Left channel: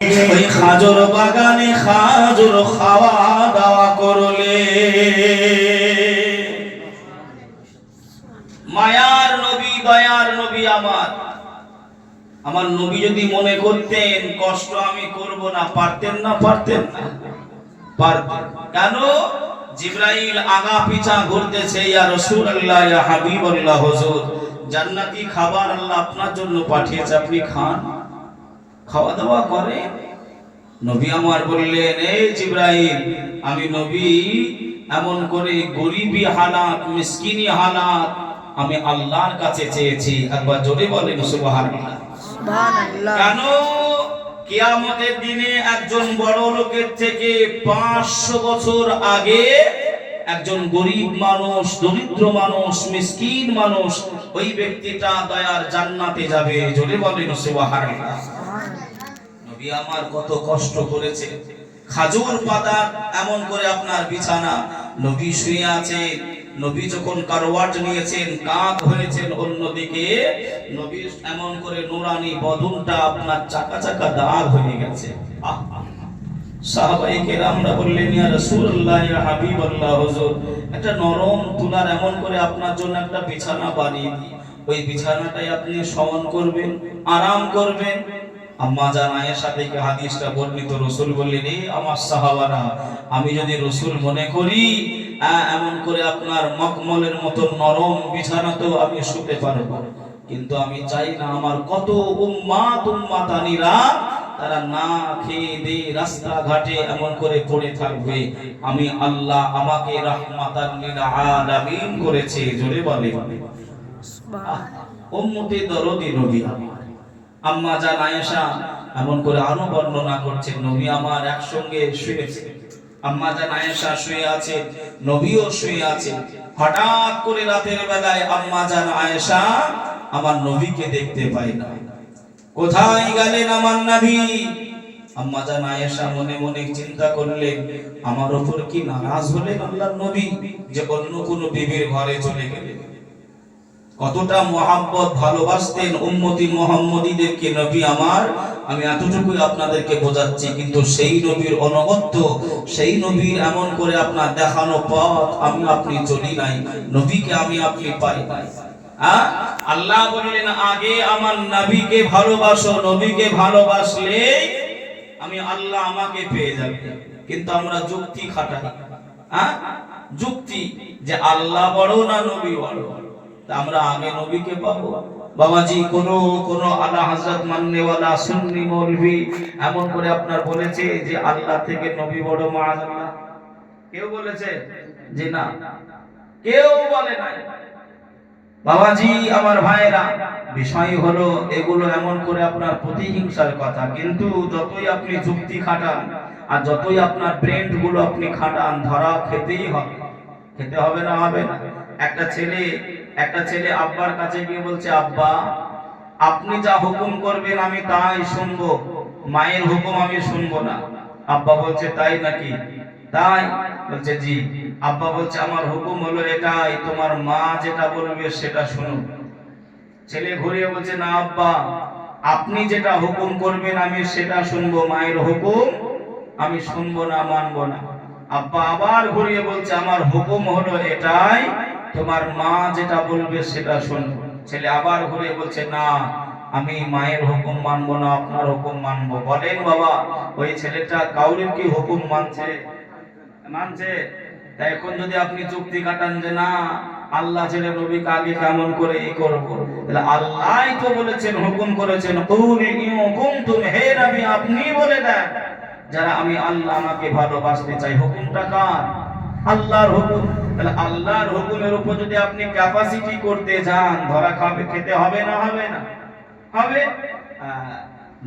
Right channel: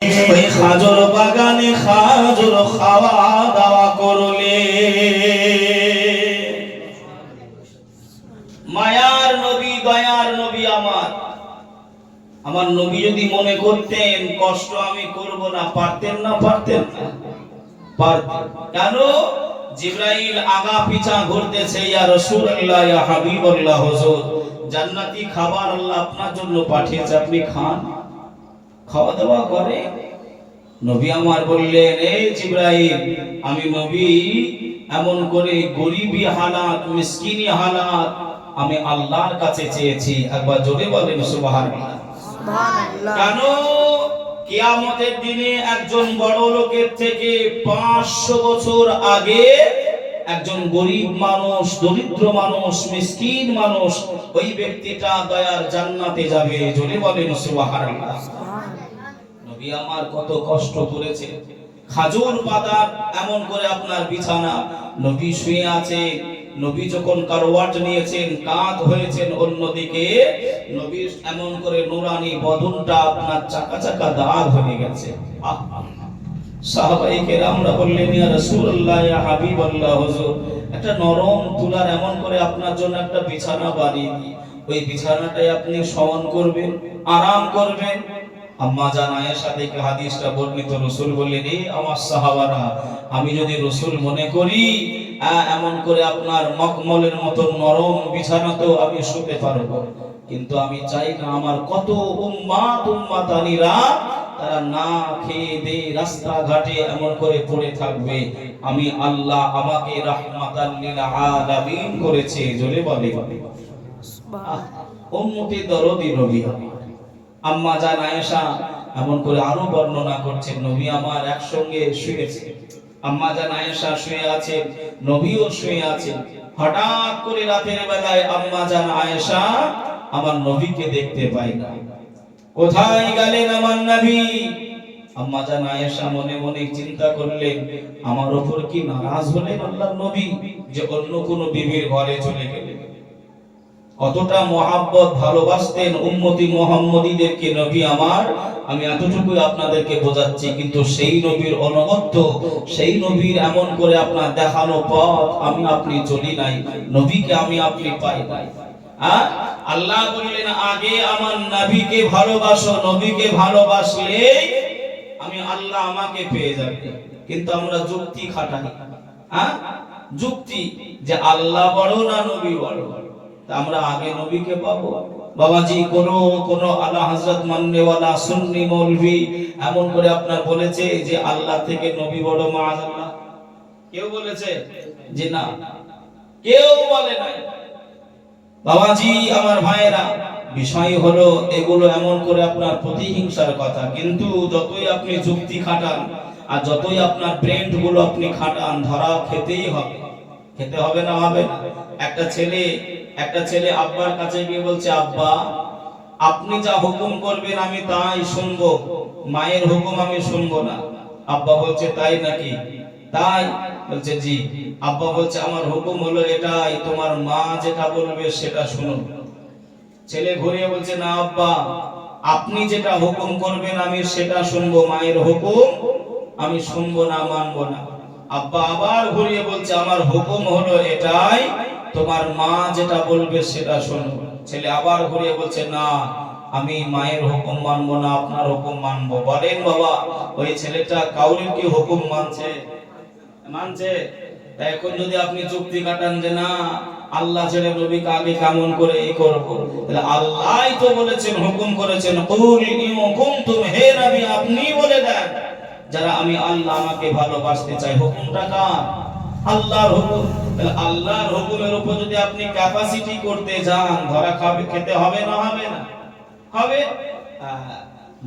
ওই খাজুর বাগানে খাজুর খাওয়া দাওয়া করলে মায়ার নবী দয়ার নবী আমার নবী যদি মনে করতেন কষ্ট আমি করব না, পারতেন না? পারতেন না? পারতেন। কেন? জিবরাইল আগা পিছা ঘুরতেছে, ইয়া রাসূলুল্লাহ, ইয়া হাবিবাল্লাহ, হুজুর জান্নাতি খাবার আল্লাহ আপনার জন্য পাঠিয়েছে, আপনি খান, খাওয়া দাওয়া করেন। নবী আমার বললেন, এই জিবরাইল, আমি নবী এমন করে গরিবী হালাত, মিসকিনি হালাত আমি আল্লাহর কাছে চেয়েছি। একবার জোরে বলেন সুবহানাল্লাহ। সুবহানাল্লাহ। কেন? কিয়ামতের দিনে একজন বড় লোকের থেকে 500 বছর আগে একজন গরিব মানুষ, দরিদ্র মানুষ, মিসকিন মানুষ, ওই ব্যক্তিটা দয়ার জান্নাতে যাবে। জোরে বলেন সুবহানাল্লাহ। নবী আমার কত কষ্ট করেছে, খাজুর পাতা এমন করে আপনার বিছানা, নবী শুয়ে আছেন, নবী যখন কারওয়াট নিয়েছেন, কাঁধ হয়েছেন অন্যদিকে, নবী এমন করে নুরানি বদনটা আপনার চাকা চাকা দাগ হয়ে গেছে। সাহাবায়ে কেরামরা বললেন, ইয়া রাসূলুল্লাহ, ইয়া হাবিবাল্লাহ, হুজুর একটা নরম তুলার এমন করে আপনার জন্য একটা বিছানা বানিয়ে দিই, ওই বিছানাটাই আপনি শয়ন করবেন, আরাম করবেন। আম্মা জান আয়েশা থেকে হাদিসটা বর্ণিত, রাসূল বললেন, এই আমার সাহাবারা, আমি যদি রাসূল মনে করি এমন করে আপনার মখমলের মতো নরম বিছানাতেও আমি শুতে পারবো, কিন্তু আমি চাই না আমার কত উম্মাতানিরা তারা না খেয়ে দিয়ে রাস্তাঘাটে এমন করে পড়ে থাকবে। আমি আল্লাহ আমাকে রাহমাতাল লিল আলামিন করেছে। জোরে বলে সুবহানাল্লাহ। উম্মতে দরদি নবী আম্মা জান আয়েশা এমন করে আরো বর্ণনা করছেন, নবী আমার একসঙ্গে শুয়েছে, আম্মা জান আয়েশা শুয়ে আছে, নবীও শুয়ে আছে। হঠাৎ করে রাতের বেলায় আম্মা জান আয়েশা আমার নবীকে দেখতে পায় না। কোথায় গেলেন আমার নবী? আম্মা জান আয়েশা মনে মনে চিন্তা করলেন, আমার উপর কি নারাজ হলেন আল্লাহর নবী যে অন্য কোন বিবির ঘরে চলে গেলেন? কতটা মহাব্বত ভালোবাসতেন উম্মতি মুহাম্মদীদেরকে নবী আমার, আমি এতটুকু আপনাদেরকে বোঝাচ্ছি। কিন্তু সেই নবীর অনগত্য, সেই নবীর এমন করে আপনার দেখানো পথ আমি আপনি চলি নাই, নবীকে আমি আপনি পাই নাই। আল্লাহ বললেন, আগে আমার নবীকে ভালোবাসো, নবীকে ভালোবাসলে আমি আল্লাহ আমাকে পেয়ে যাবে। কিন্তু আমরা যুক্তি খাটাই, যুক্তি যে আল্লাহ বড় না নবী বড়, আমরা আগে নবীকে পাবো। বাবাজি কোন আলা হযরত মাননেওয়ালা সুন্নি মৌলভী এমন করে আপনার বলেছে যে আল্লাহ থেকে নবী বড়? মাআযাল্লাহ কেউ বলেছে? যে না, কেউ বলে নাই। বাবাজি আমার ভাইরা, বিষয় হলো এগুলো এমন করে আপনার প্রতিহিংসার কথা, কিন্তু যতই আপনি যুক্তি খাটান আর যতই আপনার ব্রেন গুলো আপনি খাটান, ধরা খেতেই হবে। খেতে হবে না? হবে না? একটা ছেলে আব্বার কাছে গিয়ে বলছে, আব্বা আপনি যা হুকুম করবেন আমি তাই শুনবো, মায়ের হুকুম আমি শুনবো না। আব্বা বলছে, তাই নাকি? তাই? বলছে জি। আব্বা বলছে, আমার হুকুম হলো এটাই, তোমার মা যেটা বলবে সেটা শুনো। ছেলে ঘুরিয়ে বলছে, না আব্বা, আপনি যেটা হুকুম করবেন আমি সেটা শুনবো, মায়ের হুকুম আমি শুনবো না, মানবো না। আব্বা আবার ঘুরিয়ে বলছে, আমার হুকুম হলো এটাই, তোমার মা যেটা বলবে সেটা শুনবো। ছেলে আবার ঘুরে বলছে, না আমি মায়ের হুকুম মানবো না, আপনার হুকুম মানবো। বলেন বাবা, ওই ছেলেটা কাউরির কি হুকুম মানছে? তাই এখন যদি আপনি যুক্তি কাটান যে না আল্লাহ ছেড়ে নবীকে আগে কেমন করে এই করবো, তাহলে আল্লাহই তো বলেছেন, হুকুম করেছেন, কুল ইন কুনতুম, হে নবী আপনি বলে দেন যারা আমি আল্লাহ আমাকে ভালোবাসতে চাই। হুকুমটা কার? আল্লাহর হুকুম। তাহলে আল্লাহর হুকুমের উপর যদি আপনি ক্যাপাসিটি করতে যান, ধরা খেতে হবে না? হবে না? হবে।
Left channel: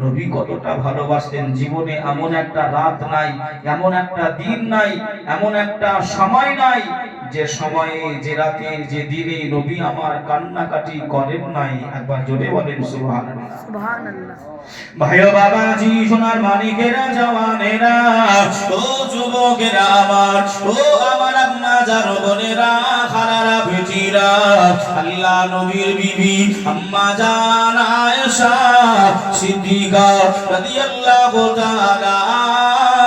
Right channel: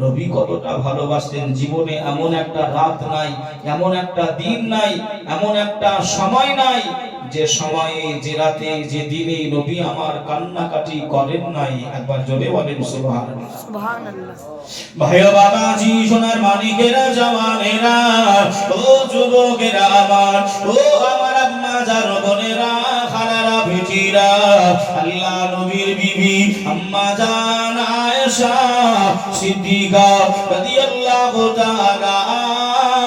নবী কতটা ভালোবাসতেন, জীবনে এমন একটা রাত নাই, এমন একটা দিন নাই, এমন একটা সময় নাই যে সময়ে, যে রাতে, যে দিনে নবী আমার কান্নাকাটি করেন নাই। একবার জোরে বলেন সুবহানাল্লাহ। সুবহানাল্লাহ। ভাইও বাবাজি, সোনার মানিকেরা, জওয়ানেরা, ও যুবকেরা আমার, ও আমার আম্মা জান বোনেরা, খালারা, বেটিরা, আল্লাহ নবীর বিবি আম্মা জান আয়েশা সিদ্দিকা রাদিয়াল্লাহু তাআলা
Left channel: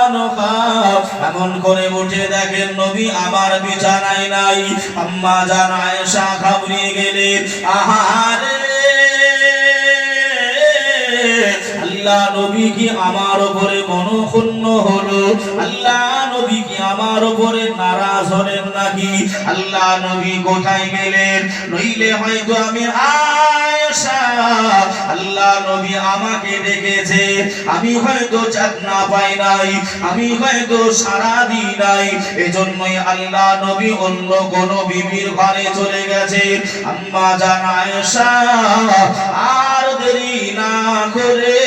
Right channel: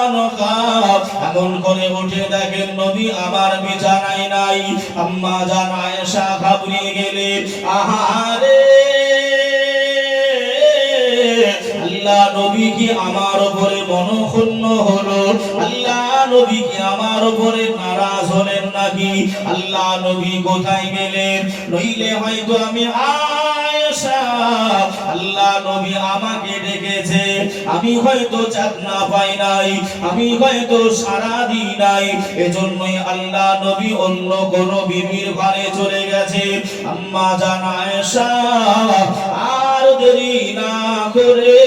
আনহা এমন করে উঠে দেখেন নবী আমার বিছানায় নাই। আম্মা জান আয়েশা ঘাবড়ে গেলেন, আহারে আল্লাহ নবী কি আমার উপরে মনক্ষুণ্ণ হলো? আল্লাহ নবী কি আমার উপরে নারাজ হলেন নাকি? আল্লাহ নবী কোথায় গেলেন? নইলে হয়তো আমি আয়েশা আল্লাহ নবী আমাকে ডেকেছে, আমি হয়তো চাকনা পাই নাই, আমি হয়তো সারা দিই নাই, এজন্যই আল্লাহ নবী অন্য কোন বিবির ঘরে চলে গেছে। আম্মা জান আয়েশা আর দেরি না করে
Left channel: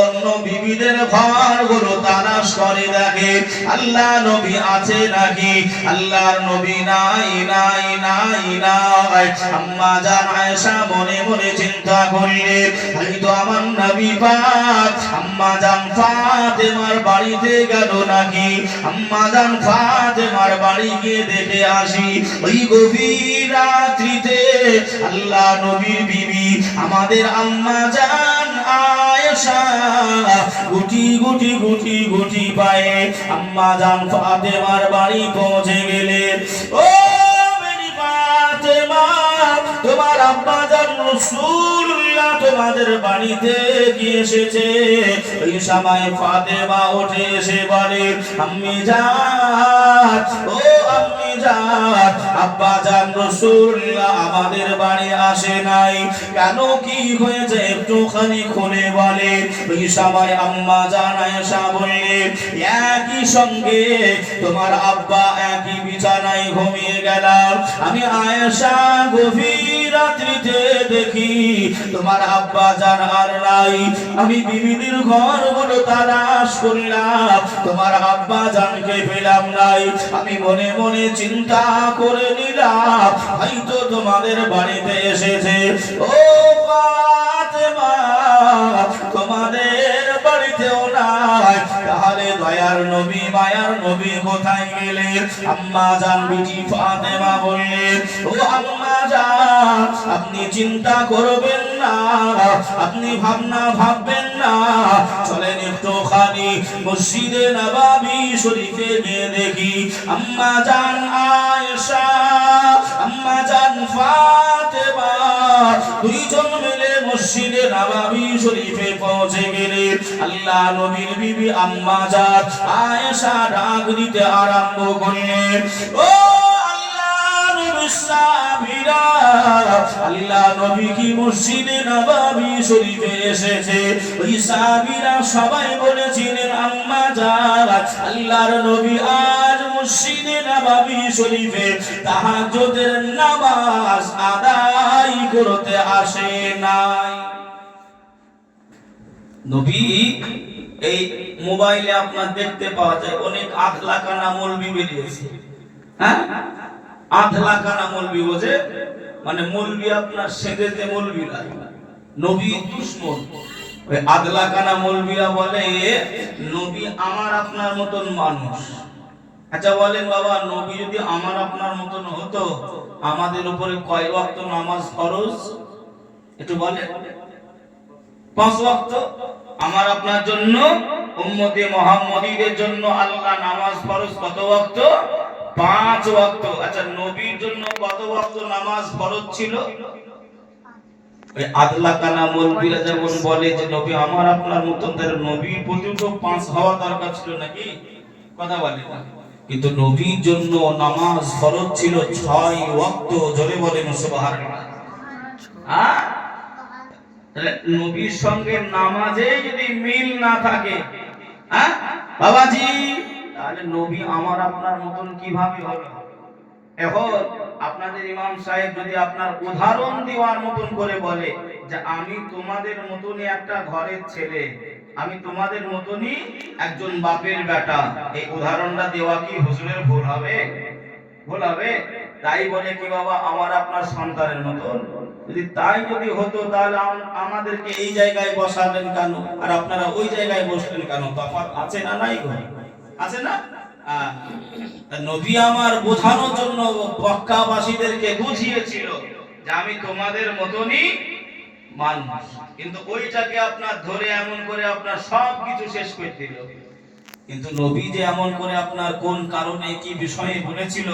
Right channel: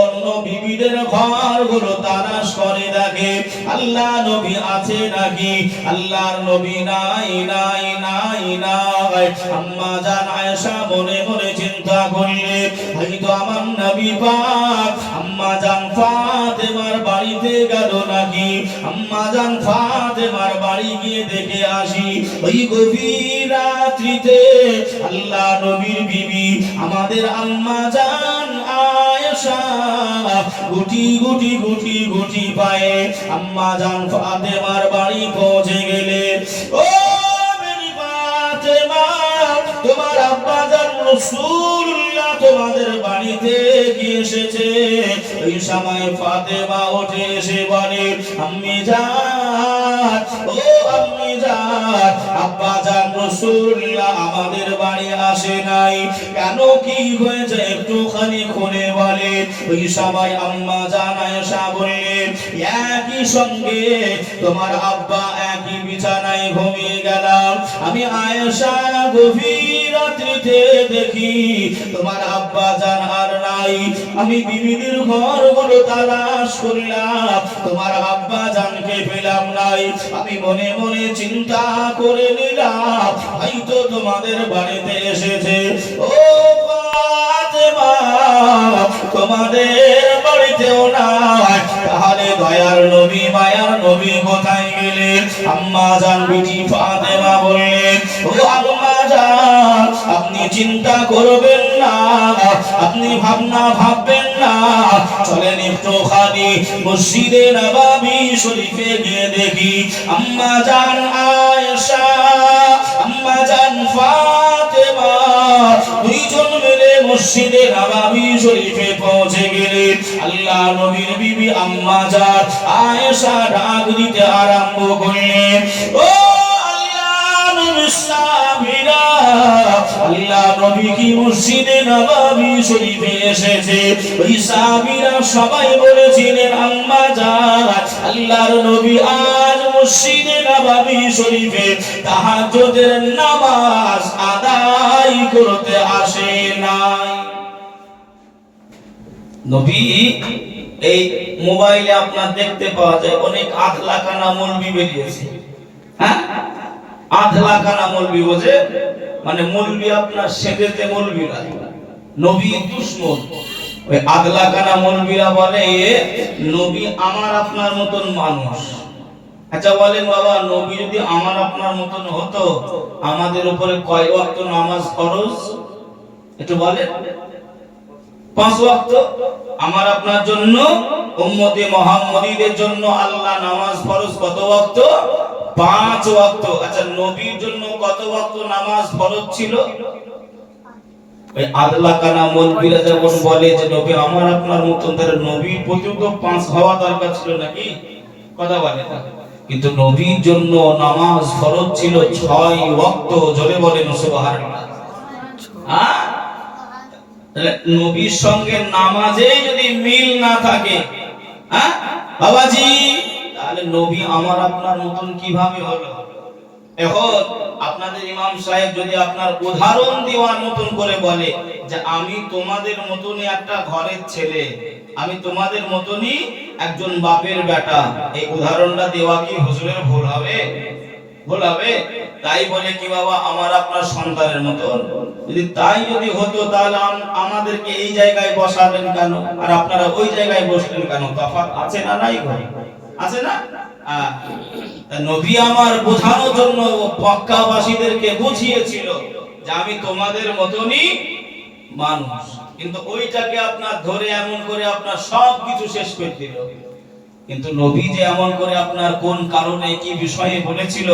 অন্য বিবিদের ঘরগুলো তালাশ করে দেখে আল্লাহ নবী আছে নাকি। আল্লাহর নবী নাই নাই নাই নাই। আম্মা জান আয়েশা মনে মনে চিন্তা করলেন, হয়তো আমার নবী পাক আম্মা জান ফাতেমার বাড়িতে গেল নাকি। আম্মা জান ফাতেমার বাড়ি গিয়ে দেখে আসি ওই গভীর রাত্রিতে আল্লাহ নবীর বিবি আমাদের আম্মা জান আয়েশা গুটি গুটি গুটি গুটি পায়ে আম্মা জান ফাতেমার বাড়ি পৌঁছে গেলেন। ও মেরি ফাতেমা, তোমার আব্বা জান রাসূলুল্লাহ তোমাদের বাড়িতে কি এসেছে। ওই সময় ফাতেমা উঠে এসে বলে, আম্মি জান, ও আম্মি জান, আব্বা জান রাসূলুল্লাহ আমাদের বাড়ি আসে নাই, কেন কি হয়েছে একটুখানি খুলে বলে। ওই সময় আম্মা জান আয়েশা বললেন, একই সঙ্গে তোমার আব্বা একই বিছানায় ঘুমিয়ে গেলাম, আমি আয়েশা গভীর রাত্রিতে দেখি তোমার আব্বা জান আর নাই, আমি বিবিদের ঘরগুলো তালাশ করলাম, তোমার আব্বা জানকে পেলাম নাই, আমি মনে মনে চিন্তা করে নিলাম হয়তো তোমাদের বাড়িতে এসেছে। ও ফাতেমা, তোমাদের বাড়িতেও নাই, তাহলে দয়ার নবী মায়ার নবী কোথায় গেলেন? আম্মা জান বিটি ফাতেমা বললেন, ও আম্মা জান, আপনি চিন্তা করবেন না, আপনি ভাববেন না, চলেন একটুখানি মসজিদে নববী শরীফে গিয়ে দেখি আম্মা জান আয়েশা আম্মা জান ফাতেমা দুইজন মিলে মসজিদে নববী শরীফে পৌঁছে গেলেন। আল্লাহ নবীর বিবি আম্মা জান আয়েশা ডাক দিতে আরম্ভ করলেন, ও আল্লাহ নবী কি মসজিদে নববী শরীফে এসেছে। ওই সাহাবীরা সবাই বলেছিলেন, আম্মা জান, আল্লাহর নবী আজ মসজিদে নববী শরীফে তাহাজ্জুদের নামাজ আদায় করতে আসে নাই। নবী এই মোবাইলে আপনার দেখতে পাওয়া যায় অনেক আধলাখানা মৌলবি বেরিয়েছে। হ্যাঁ, আধলাখানা মৌলবি বোঝে, মানে মৌলবি আপনার সেদেতে মৌলবিরা নবী দুশমন। ওই আধলাখানা মৌলবিরা বলে নবী আমার আপনার মতন মানুষ। আচ্ছা বলেন বাবা, নবী যদি আমার আপনার মতন হতো আমাদের উপরে কয় ওয়াক্ত নামাজ ফরজ একটু বলেন? 5 ওয়াক্ত। আমার আপনার জন্য উম্মতে মুহাম্মদীদের জন্য আল্লাহ নামাজ ফরজ কত ওয়াক্ত? 5 ওয়াক্ত। আচ্ছা নবীর জন্য কত ওয়াক্ত নামাজ ফরজ ছিল? ওই আদলাকানা মৌলবীরা যখন বলে যে নবী আমার আপনার মতন, তাহলে নবীর প্রতিও তো 5 হওয়া দরকার ছিল নাকি? কথা বলে না। কিন্তু নবীর জন্য নামাজ ফরজ ছিল 6 ওয়াক্ত। জোরে বলেন সুবহানাল্লাহ। হ্যাঁ, নবীর সঙ্গে নামাজে যদি মিল না থাকে, হ্যাঁ বাবাজি, তাহলে নবী আমার আপনার মতন কিভাবে হলো? এখন আপনাদের ইমাম সাহেব যদি আপনার উদাহরণ দেওয়ার মতন করে বলে যে আমি তোমাদের মতনই একটা ঘরের ছেলে, আমি তোমাদের মতনই একজন বাপের বেটা, এই উদাহরণটা দেওয়া কি হুজুরের ভুল হবে? ভুল হবে? তাই বলে কি বাবা আমার আপনার সন্তানের মতন? যদি হতো তাহলে আমাদেরকে এই জায়গায় বসালেন কেন আর আপনারা ওই জায়গায় বসলেন কেন? তফাৎ আছে না নাই? আছে না? নবী আমার বোঝানোর জন্য মক্কাবাসীদেরকে বুঝিয়েছিল যে আমি তোমাদের মতনই মানুষ। কিন্তু ওইটাকে আপনার ধরে এমন করে আপনার সব কিছু শেষ করে দিল। কিন্তু নবী যে এমন করে আপনার কোন কারণে কি বিষয়ে বলেছিল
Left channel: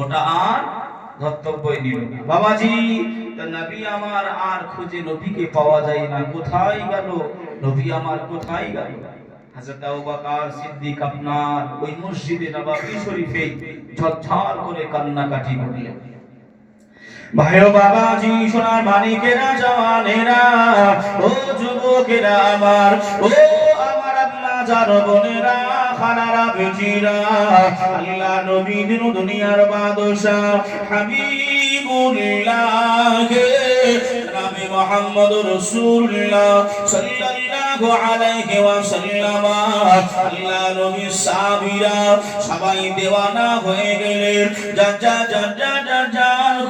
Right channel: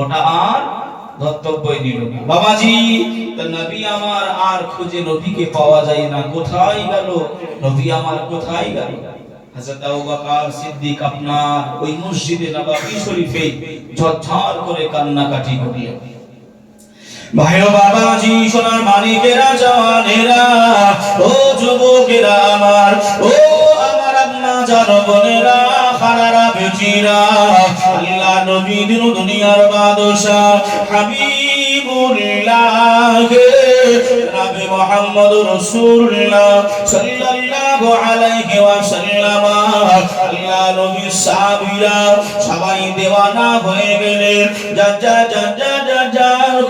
ওটা আর ধর্তব্যই নিল না। বাবাজি, তো নবী আমার আর খুঁজে নবীকে পাওয়া যায় না, কোথায় গেল নবী আমার, কোথায় গেল? হযরত আবু বকর সিদ্দিক আপনার ওই মসজিদে নববী শরীফে ঝরঝর করে কান্নাকাটি করলেন। ভাইও বাবাজি, সোনার মানিকেরা, জওয়ানেরা, ও যুবকেরা আমার, ও আমার আম্মা জানো বোনেরা, খানারা বেটিরা, আল্লাহ নবী দিন দুনিয়ার বাদশা হাবিবুল্লাহ নবী মুহাম্মদুর রাসূলুল্লাহ সাল্লাল্লাহু আলাইহি ওয়াসাল্লাম, আল্লাহ নবীর সাহাবীরা সবাই দেওয়ানা হয়ে গেলেন। যা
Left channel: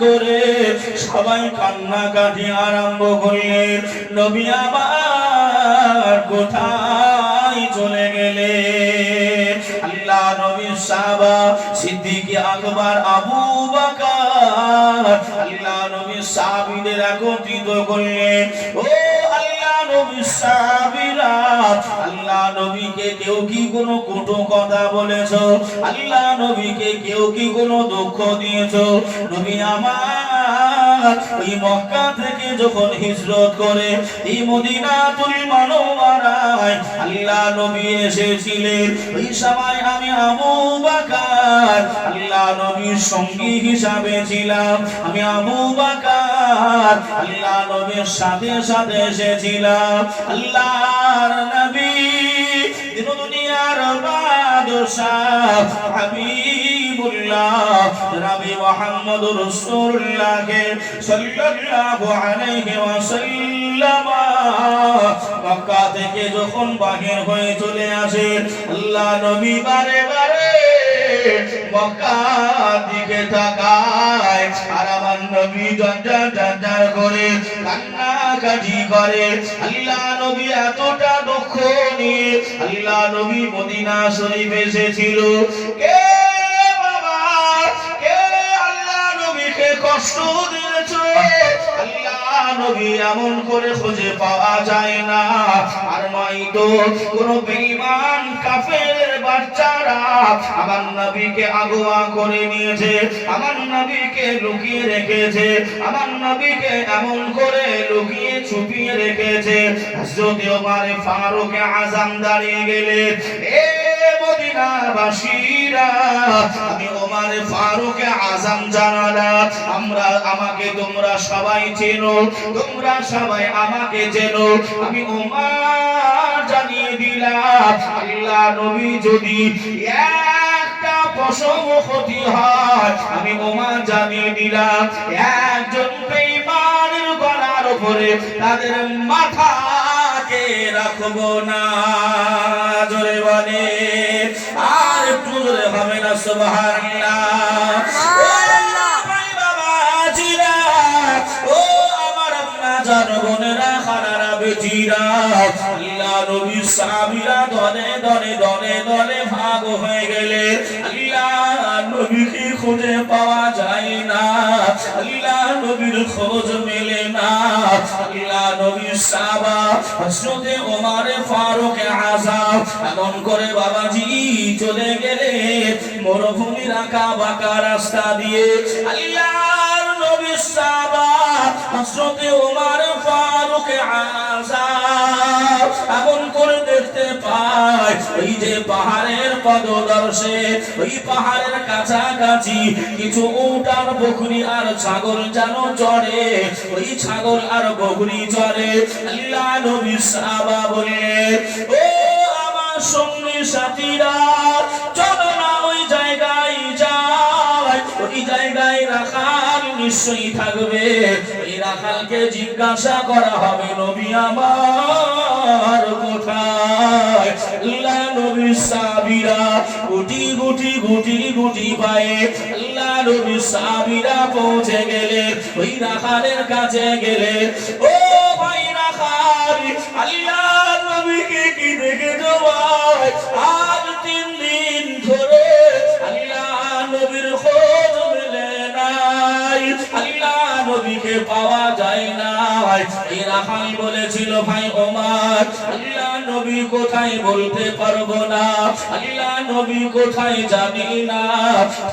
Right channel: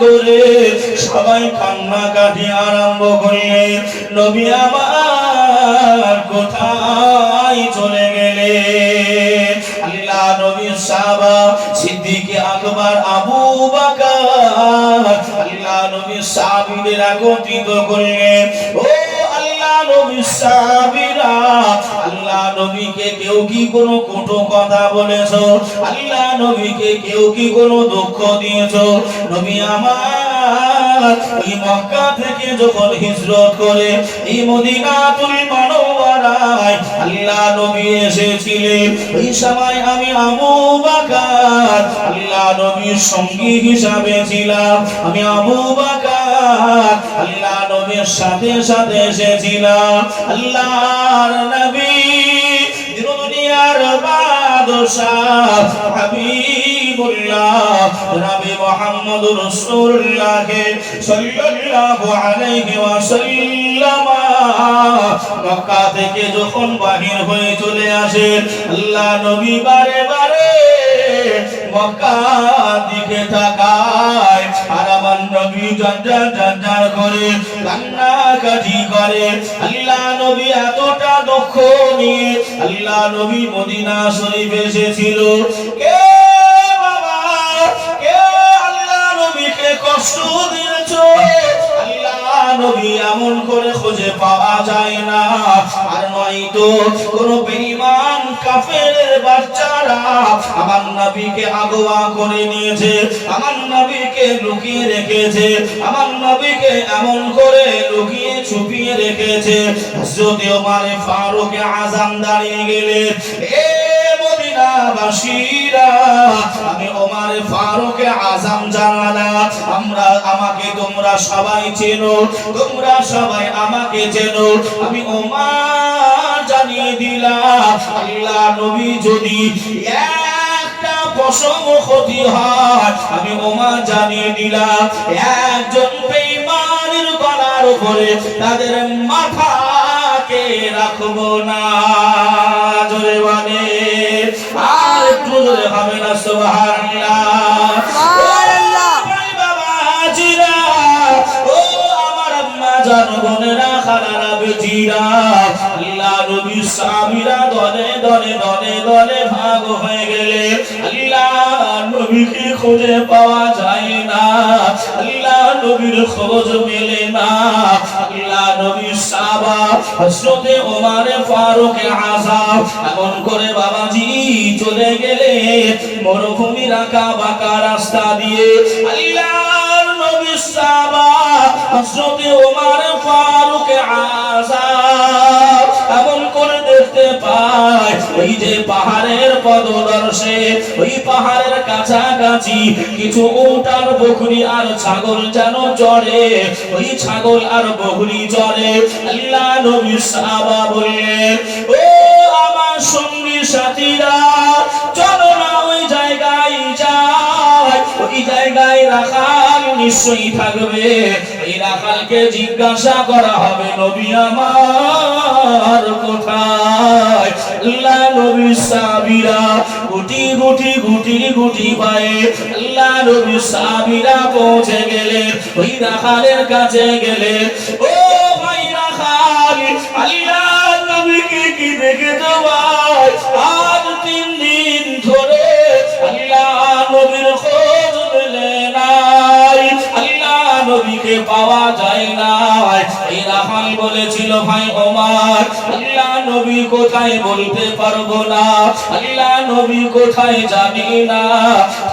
করে সবাই কান্নাকাটি আরম্ভ করলেন। নবী আমার কোথায় চলে গেলেন? আল্লাহ নবীর সাহাবা সিদ্দিক আকবর আবু বকর আল্লাহ নবীর সাহাবীদের একত্রিত করলেন। ও আল্লাহ নবীর সাহাবীরা, আল্লাহ নবীকে কেউ কি কোনো কটু কথা বলেছো? আল্লাহ নবীকে কেউ কি কোনো দুঃখ দিয়েছো? নবী আমার ওই মক্কা থেকে যখন হিজরত করে এই মদিনাতুল মুনাওয়ারায় আল্লাহ নবী এসেছিলেন, ওই সময় আমি আবু বকর আল্লাহ নবীর সঙ্গী হিসাবে ছিলাম। আমি আবু বকর আল্লাহ নবীর সাথে সাথে এসেছিলাম। আল্লাহর নবী দুনিয়ার বাদশা হাবিবুল্লাহ নবী মুহাম্মদুর রাসূলুল্লাহ সাল্লাল্লাহু আলাইহি ওয়াসাল্লাম মক্কা থেকে যখন বাহির হয়ে চলে আসেন, আল্লাহ নবী বারে বারে মক্কার দিকে তাকায় আর আমার নবী জানজার করে কান্নাকাটি করে। আল্লাহ নবী এতটা দুঃখ নিয়ে আল্লাহ নবী মদিনা শরীফ এসেছিল। কে বাবা, কে আল্লাহ নবীকে কষ্ট দিয়েছো? আল্লাহ নবী এমন করে খুঁজে পাওয়া যায় না। আর নয়তো কোন বেঈমান কাফেরের বাচ্চারা আমার নবীকে আগোয়া করে নিয়েছে, আমার নবীকে লুকিয়ে রেখেছে, আমার নবীকে এমন করে লুকিয়ে ছুপিয়ে রেখেছে। হযরত ওমর ফারুক আযম দাঁড়িয়ে গেলেন, এ মদিনাবাসীরা, আমি ওমর ফারুক আযম জানা, আমাকে তোমরা সবাই চেনো, তোমরা সবাই আমাকে চেনো। আমি ওমর জানিয়ে দিলাম, আল্লাহ নবী যদি একটা পশম ক্ষতি হয়, আমি ওমর জানিয়ে দিলাম একজন বেঈমানের গলার উপরে তাদের মাথাকে রাখবো না। জোরে বলে আর একটু জোরে হবে না? সুবহানাল্লাহ, সুবহানাল্লাহ। বাবাজিরা, ও আমার আম্মা জান বোনেরা, খালারা বেটিরা, আল্লাহ নবীর সাহাবীরা দলে দলে দলে দলে ভাগ হয়ে গেলে আল্লাহ নবীকে খুঁজে পাওয়া যায় না, আল্লাহ নবীর খোঁজ মেলে না। আল্লাহ নবীর সাহাবা হযরত ওমর ফারুক আযম এমন করে বাবাজি চলে গেলে মরুভূমির আঁকা বাঁকা রাস্তা দিয়ে। আল্লাহর নবীর সাহাবা হযরত ওমর ফারুক আযম এমন করে দেখতে পায় ওই যে পাহাড়ের পদদর্শে, ওই পাহাড়ের কাছাকাছি কিছু উট আর বকরি আর ছাগল যেন চড়ে, ওই ছাগল আর বকরি চড়ে। আল্লাহ নবী সাহাবা বললেন, ও আমার সঙ্গী সাথীরা, চলো না ওই জায়গায় যাই, ওই জায়গায় রাখাল নিশ্চয়ই থাকবে, এই রাখালকে জিজ্ঞাসা করা হবে নবী আমার কোথায়। আল্লাহ নবীর সাহাবীরা গুটি গুটি গুটি গুটি পায়ে আল্লাহ নবীর সাহাবীরা পৌঁছে গেলেন, ওই রাখালের কাছে গেলেন। ও ভাই রাখাল, আল্লাহ নবীকে কি দেখেছো ভাই? আজ 3 দিন ধরে আল্লাহ নবীর খোঁজ মেলে নাই, আল্লাহ নবীকে পাওয়া যায় না। এই ভাই বলেছিল, ভাই ওমর, আল্লাহ নবী কোথায় বলতে পারবো না, আল্লাহ নবী কোথায় জানি না,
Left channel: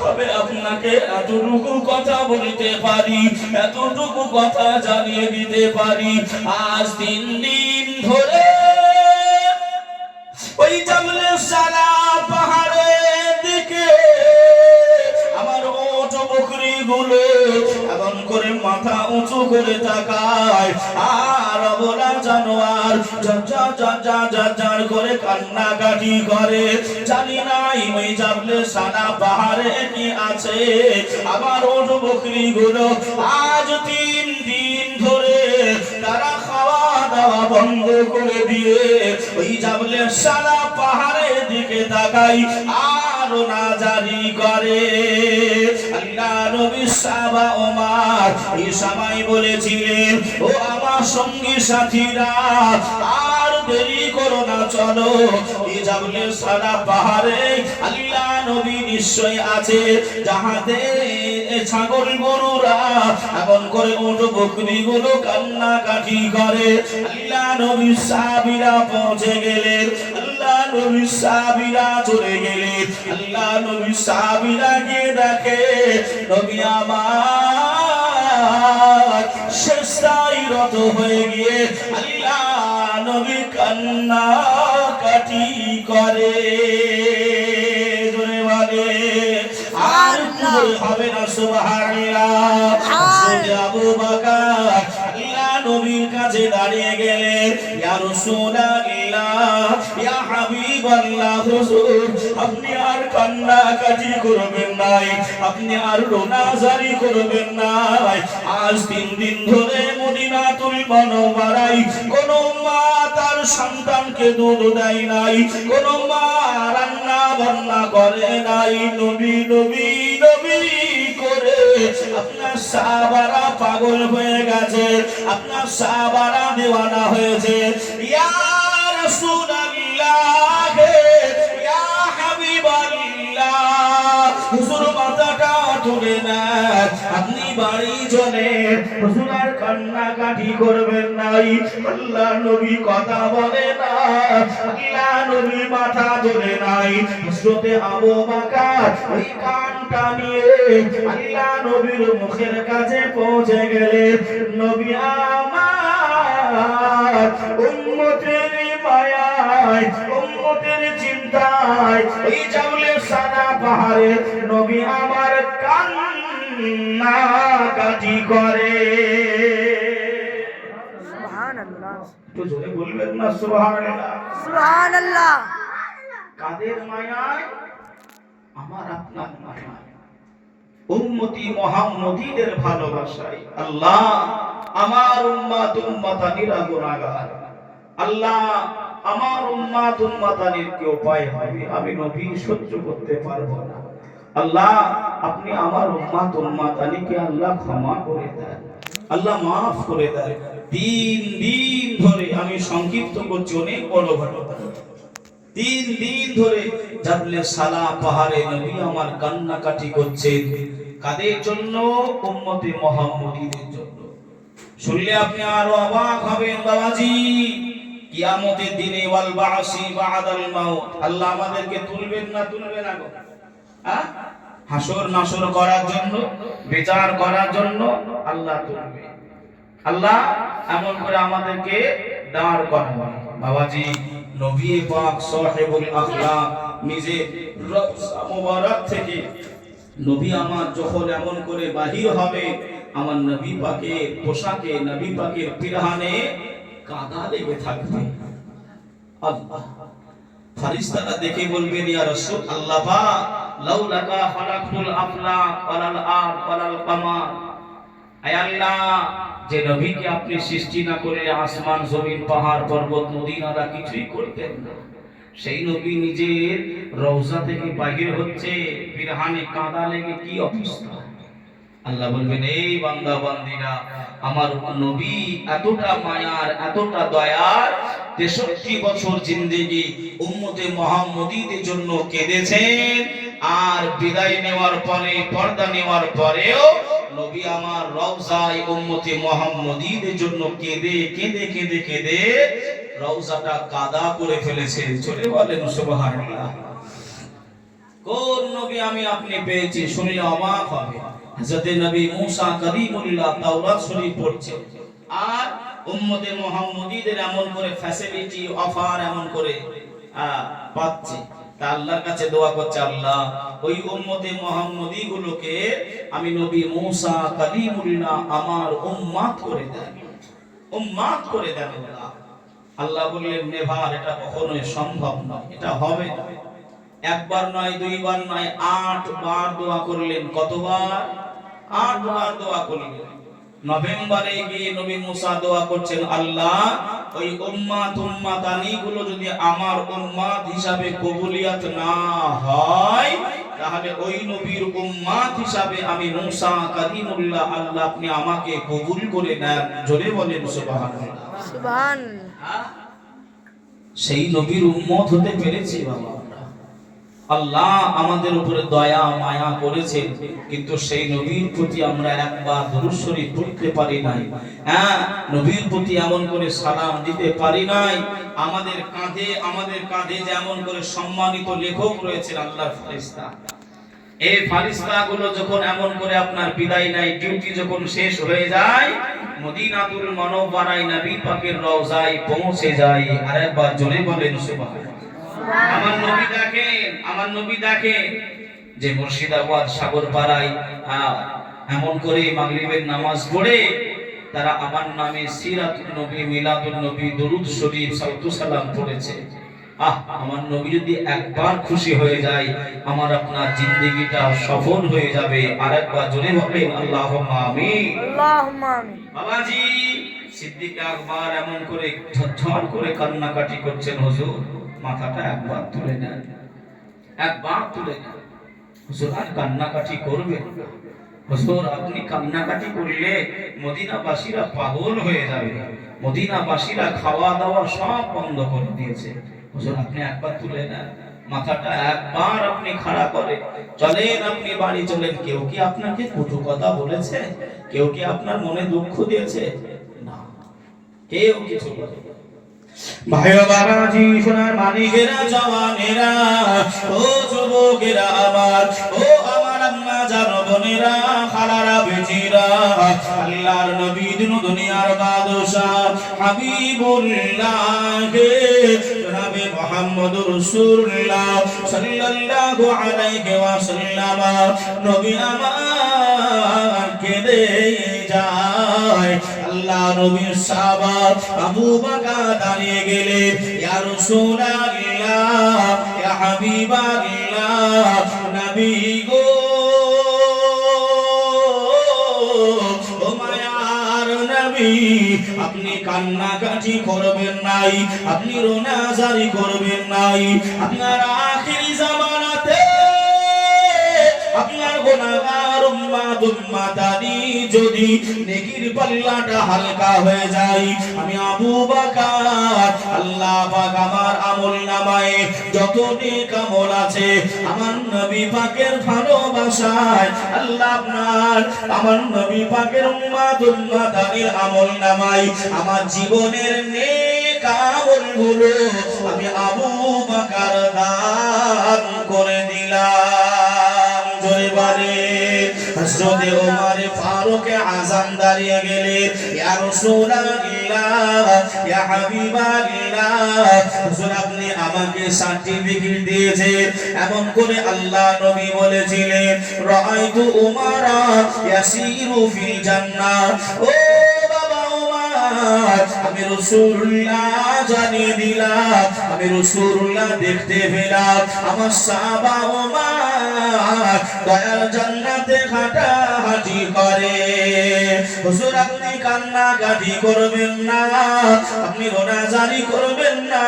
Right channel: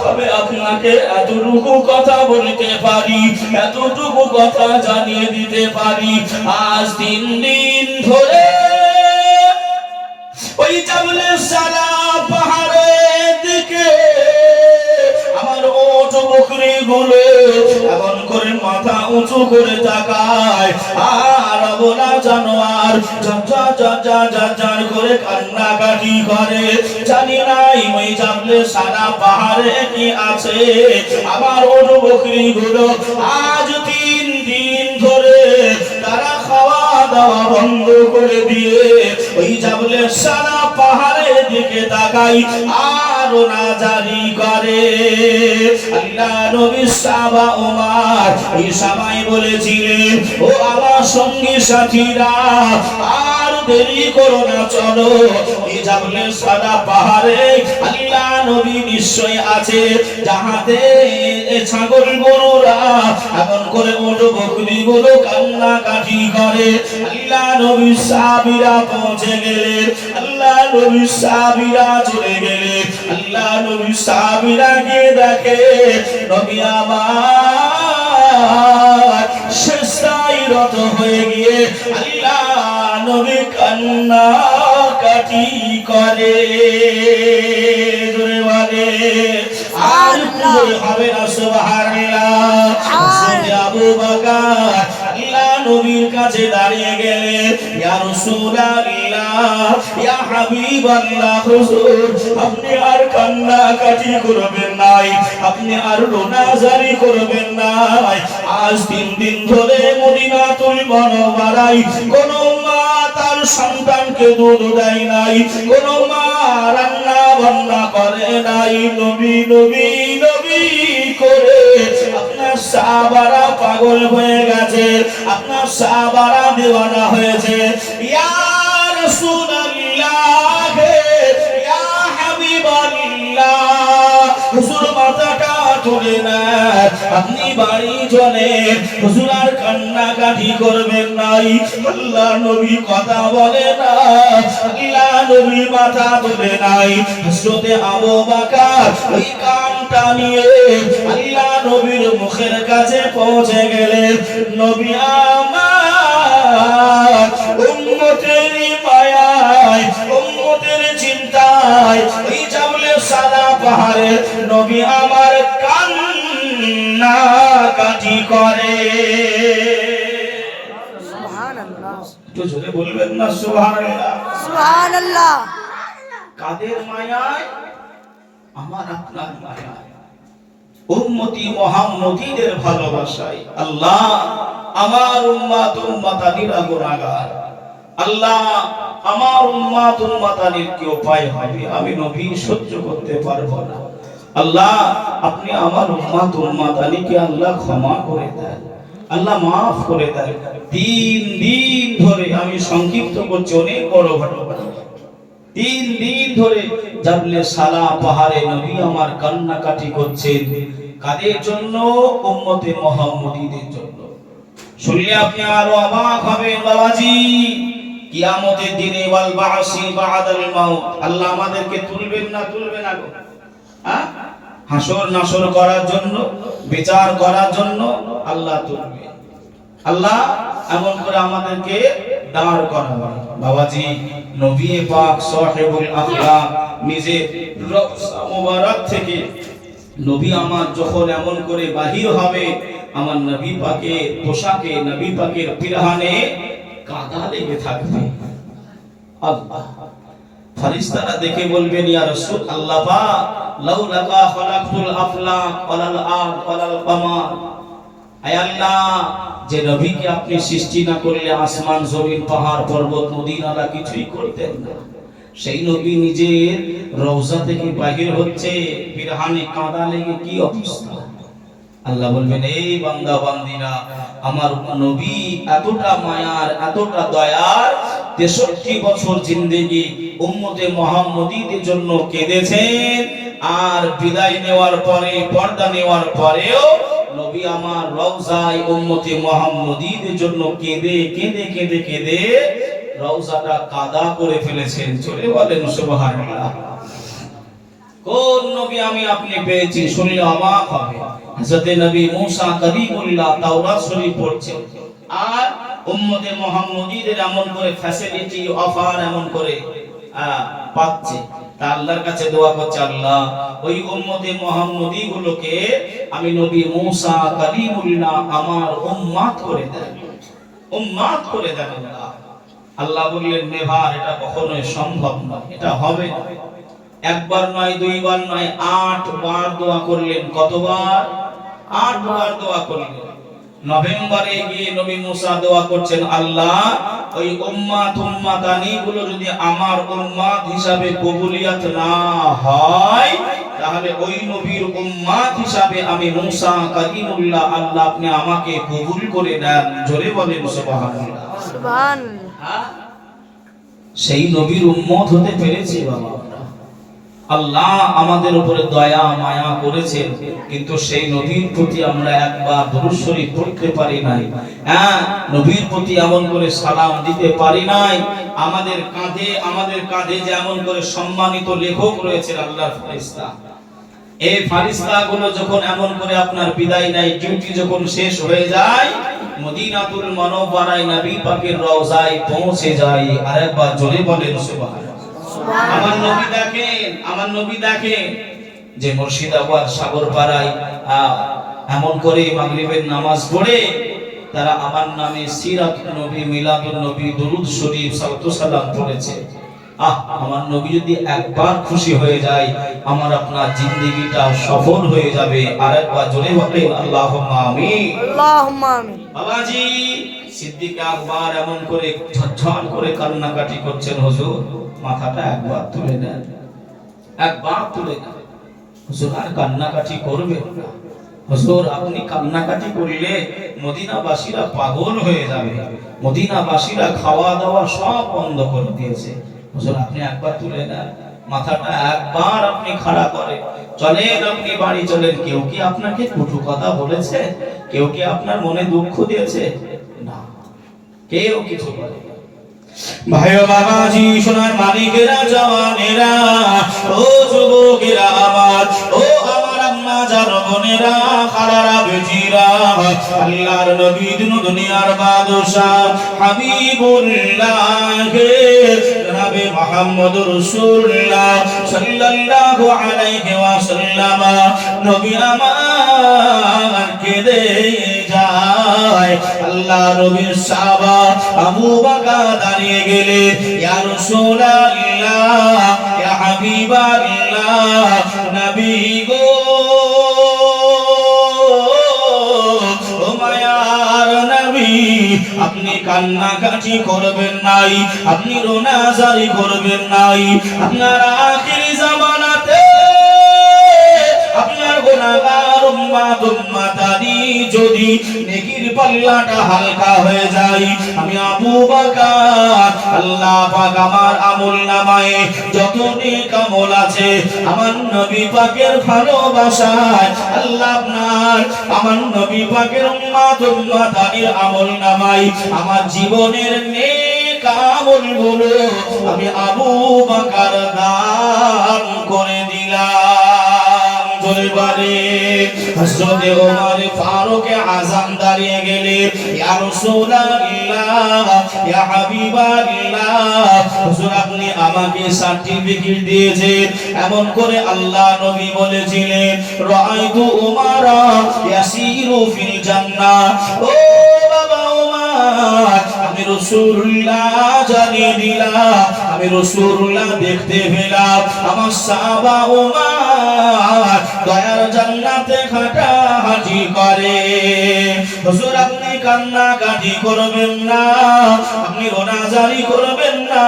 তবে আপনাকে এতটুকু কথা বলতে পারি, এতটুকু কথা জানিয়ে দিতে পারি, আজ 3 দিন ধরে ওই জাবলে সালা পাহাড়ের দিকে আমার ওট বকরি গুলো এমন করে মাথা উঁচু করে তাকায়, আর অবলা জানোয়ার জার করে কান্নাকাটি করে। জানি নাই ওই জাবলে সালা পাহাড়ে কি আছে, আমার ওট বকরি গুলো আজ 3 দিন ধরে তারা খাওয়া দাওয়া বন্ধ করে দিয়ে ওই জাবলে সারা পাহাড়ের দিকে তাকাই আর না জারি করে। আল্লাহ নবী সাহাবা ওমর এই সময় বলেছিলেন, ও আমার সঙ্গী সাথীরা, আর দেরি করো না, চলো এই জাবলে সারা পাহাড়ে আল্লাহ নবী নিশ্চয় আছে, যাহাতে ছাগল গরুরা এমন করে ওট বকরি গুলো কান্নাকাটি করে। আল্লাহ নবী সাহাবীরা পৌঁছে গেলেন, আল্লাহ নবী সাহাবীরা চলে গেলেন, আল্লাহ নবী সাহাবীরা গিয়ে দেখে নবী আমার সেজদায় রত হয়ে গিয়ে আল্লাহ নবী কান্নাকাটি করে। জোরে বলে হবে না সুবহানাল্লাহ। আবু বকর আল্লাহ নবীর কাছে দাঁড়িয়ে গেলেন, ইয়া রাসূলুল্লাহ, ইয়া হাবিবাল্লাহ, হুজুর আপনি আর কান্নাকাটি করবেন নাই, আপনি আর রোনাজারি করবেন নাই। আজ 3 দিন ধরে মদিনাতুল মুনাওয়ারায় কোন মা তার সন্তানকে দুধ দেয় নাই, কোন মা রান্না বান্না করে নাই, নবী নবী নবী করে আপনার সাহাবারা পাগল হয়ে গেছে, আপনার সাহাবারা দিওয়ানা হয়েছে। ইয়া রাসূলুল্লাহ, ইয়া হাবিবাল্লাহ, হুজুর মাথাটা তুলে না, আপনি বাড়ি চলে, হুজুর আর কান্নাকাটি করবেন নাই। আল্লাহ নবী কথা বলে না, আল্লাহ নবী মাথা তুলে নাই। হযরতে আবু বকর ওই কানটা নিয়ে আল্লাহ নবীর মুখের কাছে পৌঁছে গেলেন। নবী আমার উম্মতের মায়ায়, উম্মতের চিন্তায় ওই জাবলে সাদা পাহাড়ে নবী আমার কান্নাকাটি করে। সুবহানাল্লাহ, একটু জোরে বলবেন না সুবহানাল্লাহ। সুবহানাল্লাহ। কাদের মায়ায়? আমার আপনার মায়ায়, উম্মতি মুহাম্মদীদের ভালোবাসায়। আল্লাহ আমার উম্মত উম্মতানিরা গুনাহগার, আল্লাহ আমার উম্মত উম্মতানির কি উপায় হবে, আমি নবী সহ্য করতে পারবো না। আল্লাহ আপনি আমার উম্মত উম্মতানিকে আল্লাহ ক্ষমা করে দেন, আল্লাহ মাফ করে দেন। 3 দিন ধরে, আমি সংক্ষিপ্ত করছি, অনেক বড় ঘটনা, 3 দিন ধরে জাবলে সালা পাহাড়ে নবী আমার কান্নাকাটি করছেন। কাদের জন্য? উম্মতে মুহাম্মদীদের জন্য। শুনলে আপনি আরো অবাক হবেন বাবাজি। কিয়ামতের দিনে ওয়াল বাসি বাদাল মাউত, আল্লাহ আমাদেরকে তুলবেন না, তুলবে না গো, হ্যাঁ, হাসর নাসর করার জন্য, বিচার করার জন্য আল্লাহ তুলবে। আল্লাহ এমন করে আমাদেরকে দাঁড় করাবে। বাবাজি নবী পাক সাহেবুল আখলাক নিজে রওজা মুবারক থেকে নবী আমার যখন এমন করে বাহির হবে, আমার নবী পাকের পোশাকে, নবী পাকের পিরহানে কাদা লেগে থাকবে। আল্লাহ ফেরেশতারা দেখে বলবেন, ইয়া রাসূল আল্লাহ পাক, লাউলাকা খালাকতুল আফলাক ওয়ালাল আরদ ওয়ালাল কামার, আয় আল্লাহ যে নবীকে আপনি সৃষ্টি না করলে আসমান জমিন পাহাড় পর্বত নদী নালা কিছুই করতেন না। সেই নবী নিজের রওজা থেকে বাহির হচ্ছে, পিরহানে কাদা লেগে কি অবস্থা। আল্লাহ বলবেন, এই বান্দা বান্দীরা, আমার নবী এতটা মায়ার, এতটা দয়ার, 63 বছর জিন্দেগি উম্মতে মুহাম্মদীদের জন্য কেঁদেছেন, আর বিদায় নেওয়ার পরে, পর্দা নেওয়ার পরেও নবী নবী আমার রওজায় উম্মতে মুহাম্মদীদের জন্য কেঁদে কেঁদে কেঁদে কেঁদে রওজাটা কাদা করে ফেলেছেন। চলে বলেন সুবহানাল্লাহ। কোন নবী আমি আপনি পেয়েছি শুনলে অবাক হবে। হযরত নবী মুসা কালিমুল্লাহ তাওরাত শরীফ পড়ছেন, আর উম্মতে মুহাম্মদীদের এমন করে ফ্যাসিলিটি অফার এমন করে পাচ্ছে। তা আল্লাহর কাছে দোয়া করছে, আল্লাহ ওই উম্মতে মুহাম্মদী গুলোকে আমি নবী মুসা কালিমুল্লাহ আমার উম্মত করে দেন, উম্মত করে দেন। আল্লাহ বললেন নেভার, এটা কখনোই সম্ভব নয়, এটা হবে না। একবার নয়, দুইবার নয়, 8 বার দোয়া করলেন। কতবার? 8 বার দোয়া করলেন। নভেম্বরে গিয়ে নবী মুসা দোয়া করছেন, আল্লাহ ওই উম্মাতানি গুলো যদি আমার উম্মাত হিসাবে কবুলিয়ত না হয়, তাহলে ওই নবীর উম্মাত হিসাবে আমি মুসা কালিমুল্লাহ আল্লাহ আপনি আমাকে কবুল করে নেন। জোরে বলেন সুবহানাল্লাহ। সুবহানাল্লাহ। সেই নবীর উম্মত হতে পেরেছি বাবা। আল্লাহ আমাদের উপরে দয়া মায়া করেছেন, কিন্তু সেই নবীর প্রতি আমরা একবার দুরূদ শরীফ পড়তে পারি নাই। নবীর প্রতি এমন করে সালাম দিতে পারি নাই। আমাদের কাঁধে যেমন করে সম্মানিত লেখক রয়েছেন আল্লাহর ফেরেশতা, এই ফেরেশতাগুলো যখন এমন করে আপনার বিদায় নেয়, ডিউটি যখন শেষ হয়ে যায়, মদিনাতুল মুনাওয়ারায় নবী পাকের রওজায় পৌঁছে যায়। আরেকবার জোরে বলেন সুবহানাল্লাহ। আমার নবী দেখেন যে মুর্শিদাবাদ সাগরপাড়ায় এমন করে মাগরিবের নামাজ পড়ে তারা আমার নামে সিরাতুন নবী, মিলাদুন নবী, দরুদ শরীফ, সালাতু সালাম পড়েছে। আমার নবী যদি একবার খুশি হয়ে যায়, আমার আপনার জিন্দেগিটা সফল হয়ে যাবে। আরেকবার জোরে বলেন আল্লাহুম্মা আমিন। আল্লাহুম্মা আমিন। বাবাজি সিদ্দিক আকবর এমন করে ঝরঝর করে কান্নাকাটি করছেন, হুজুর মাথাটা একবার তুলে নেন, একবার তুলে নেন। হুজুর আর কান্নাকাটি করবেন না। হুজুর আপনি কান্নাকাটি করলে মদিনাবাসীরা পাগল হয়ে যাবে, মদিনাবাসীরা খাওয়া দাওয়া সব বন্ধ করে দিয়েছে। হুজুর আপনি একবার তুলে নেন, মাথাটা একবার আপনি খাড়া করে চলেন, আপনি বাড়ি চলেন। কেউ কি আপনাকে কটু কথা বলেছে? কেউ কি আপনার মনে দুঃখ দিয়েছে? না, কেউ কিছু বলে না। ভাইও বাবাজি সোনার মালিকেরা, জওয়ানেরা, ও যুবকেরা আমার, ও আমার আম্মা জান বোনেরা, খালারা বেজিরা, আল্লাহর নবী দুনিয়ার বাদশা হাবিবুল্লাহ জনাবে মুহাম্মদুর রাসূলুল্লাহ সাল্লাল্লাহু আলাইহি ওয়াসাল্লাম নবী আমার কেঁদে যায়। আল্লাহ নবীর সাহাবা আবু বকর দাঁড়িয়ে গেলেন, ইয়া রাসূলুল্লাহ, ইয়া হাবিবাল্লাহ, নবী গো, ও মায়ার নবী, আপনি কান্নাকাটি করবেন নাই, আপনি রোনাজারি করবেন নাই। আপনার আখিরি জামানাতে আপনার গুনাহগার উম্মাতানি যদি নেকির পাল্লাটা হালকা হয়ে যায়, আমি আবু বকর আল্লাহ পাক আমার আমলনামায়ে যত নেক আমল আছে আমার নবী পাকের ভালোবাসায় আল্লাহ আপনার আমার নবী পাকের উম্মাতানির আমলনামায়ে আমার জীবনের নেক আমলগুলো আমি আবু বকর দান করে দিলাম। জোরে বলে হযরত ওমর ফারুক আযম দাঁড়িয়ে গেলেন, ইয়া রাসূলুল্লাহ, ইয়া হাবিবাল্লাহ, হুজুর আপনি আমাকে সার্টিফিকেট দিয়েছেন। এমন করে আল্লাহ নবী বলেছিলেন, রাআইতু উমারা ইয়াসিরু ফিল জান্নাহ। ও বাবা ওমর, আমি রাসূলুল্লাহ জানিয়ে দিলাম, আমি রাসূলুল্লাহ দেখতে পেলাম আমার সাহাবা ওমর দয়ার জান্নাতে হাঁটাহাঁটি করে। হুজুর আপনি কান্নাকাটি করবেন না, আপনি রোনাজারি করবেন না।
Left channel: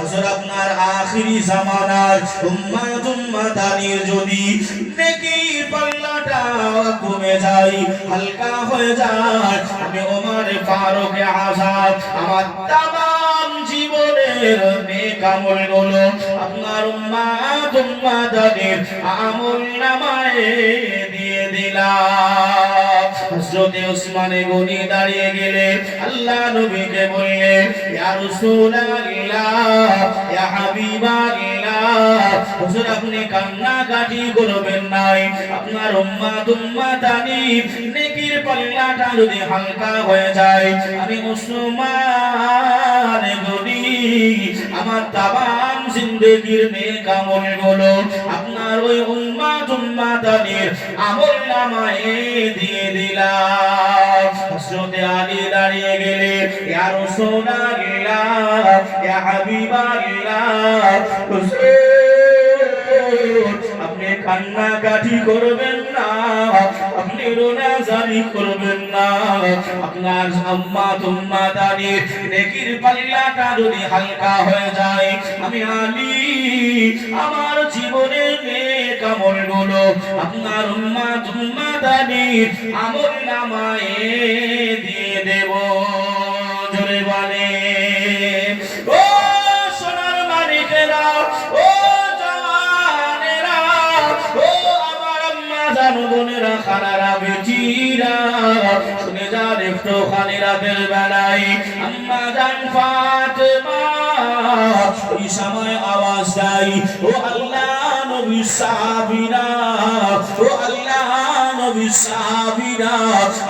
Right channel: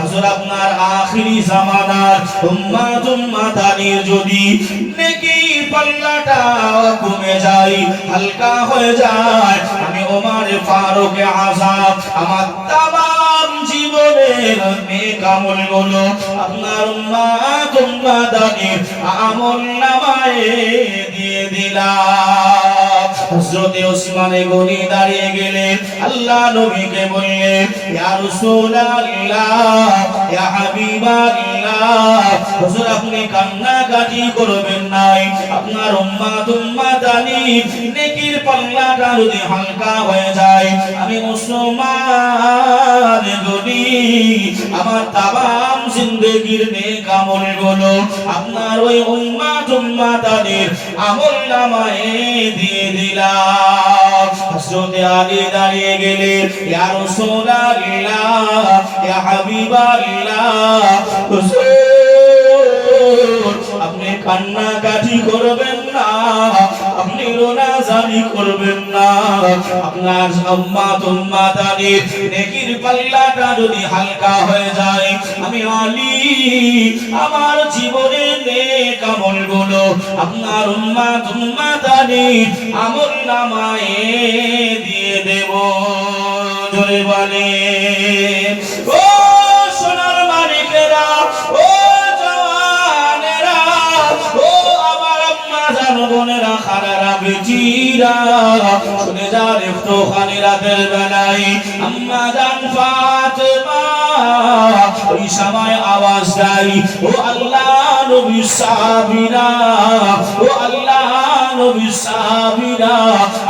হুজুর আপনার আখিরি জামানার উম্মাতানির যদি নেকির পাল্লাটা কমে যায়, হালকা হয়ে যায়, আমি ওমর ফারুক আযম আমার তামাম জীবনের নেক আমলগুলো আপনার উম্মাতানির আমলনামায়ে দিয়ে দিলাম। হযরতে ওসমানে গনি দাঁড়িয়ে গেলেন, আল্লাহ নবীকে বললেন, ইয়া রাসূলুল্লাহ, ইয়া হাবিবাল্লাহ, হুজুর আপনি কান্নাকাটি করবেন নাই, আপনার উম্মাতানি নেকির পাল্লাটা যদি হালকা হয়ে যায়, আমি মুসলমান গনি আমার তামাম জিন্দেগীর নেক আমলগুলো আপনার ওই উম্মাতানির আমলনামায় দিয়ে দিলাম। হযরতে আলী দাঁড়িয়ে গেলেন, ইয়া রাসূলুল্লাহ, ইয়া হাবিবাল্লাহ, হুজুর আপনি কান্নাকাটি করবেন না, আপনি রোনাজানি করবেন না, আপনার উম্মাতানির নেকির পাল্লাটা যদি হালকা হয়ে যায়, আমি আলী আমার জীবনের নেক আমলগুলো আপনার উম্মাতানির আমলনামায় দিয়ে দেব। জোরে বলে ও সোনার মালিকেরা, ও জওয়ানেরা, ও আমার আম্মা জান বোনেরা, খালারা, বেটিরা, শুনে যান একটুখানি রাতের বেলায় আম্মা জান ফাতেমা ওই সময় আওয়াজ দেয়, ও আল্লাহ নবী সাহাবীরা, ও আল্লাহ নবী সাহাবীরা,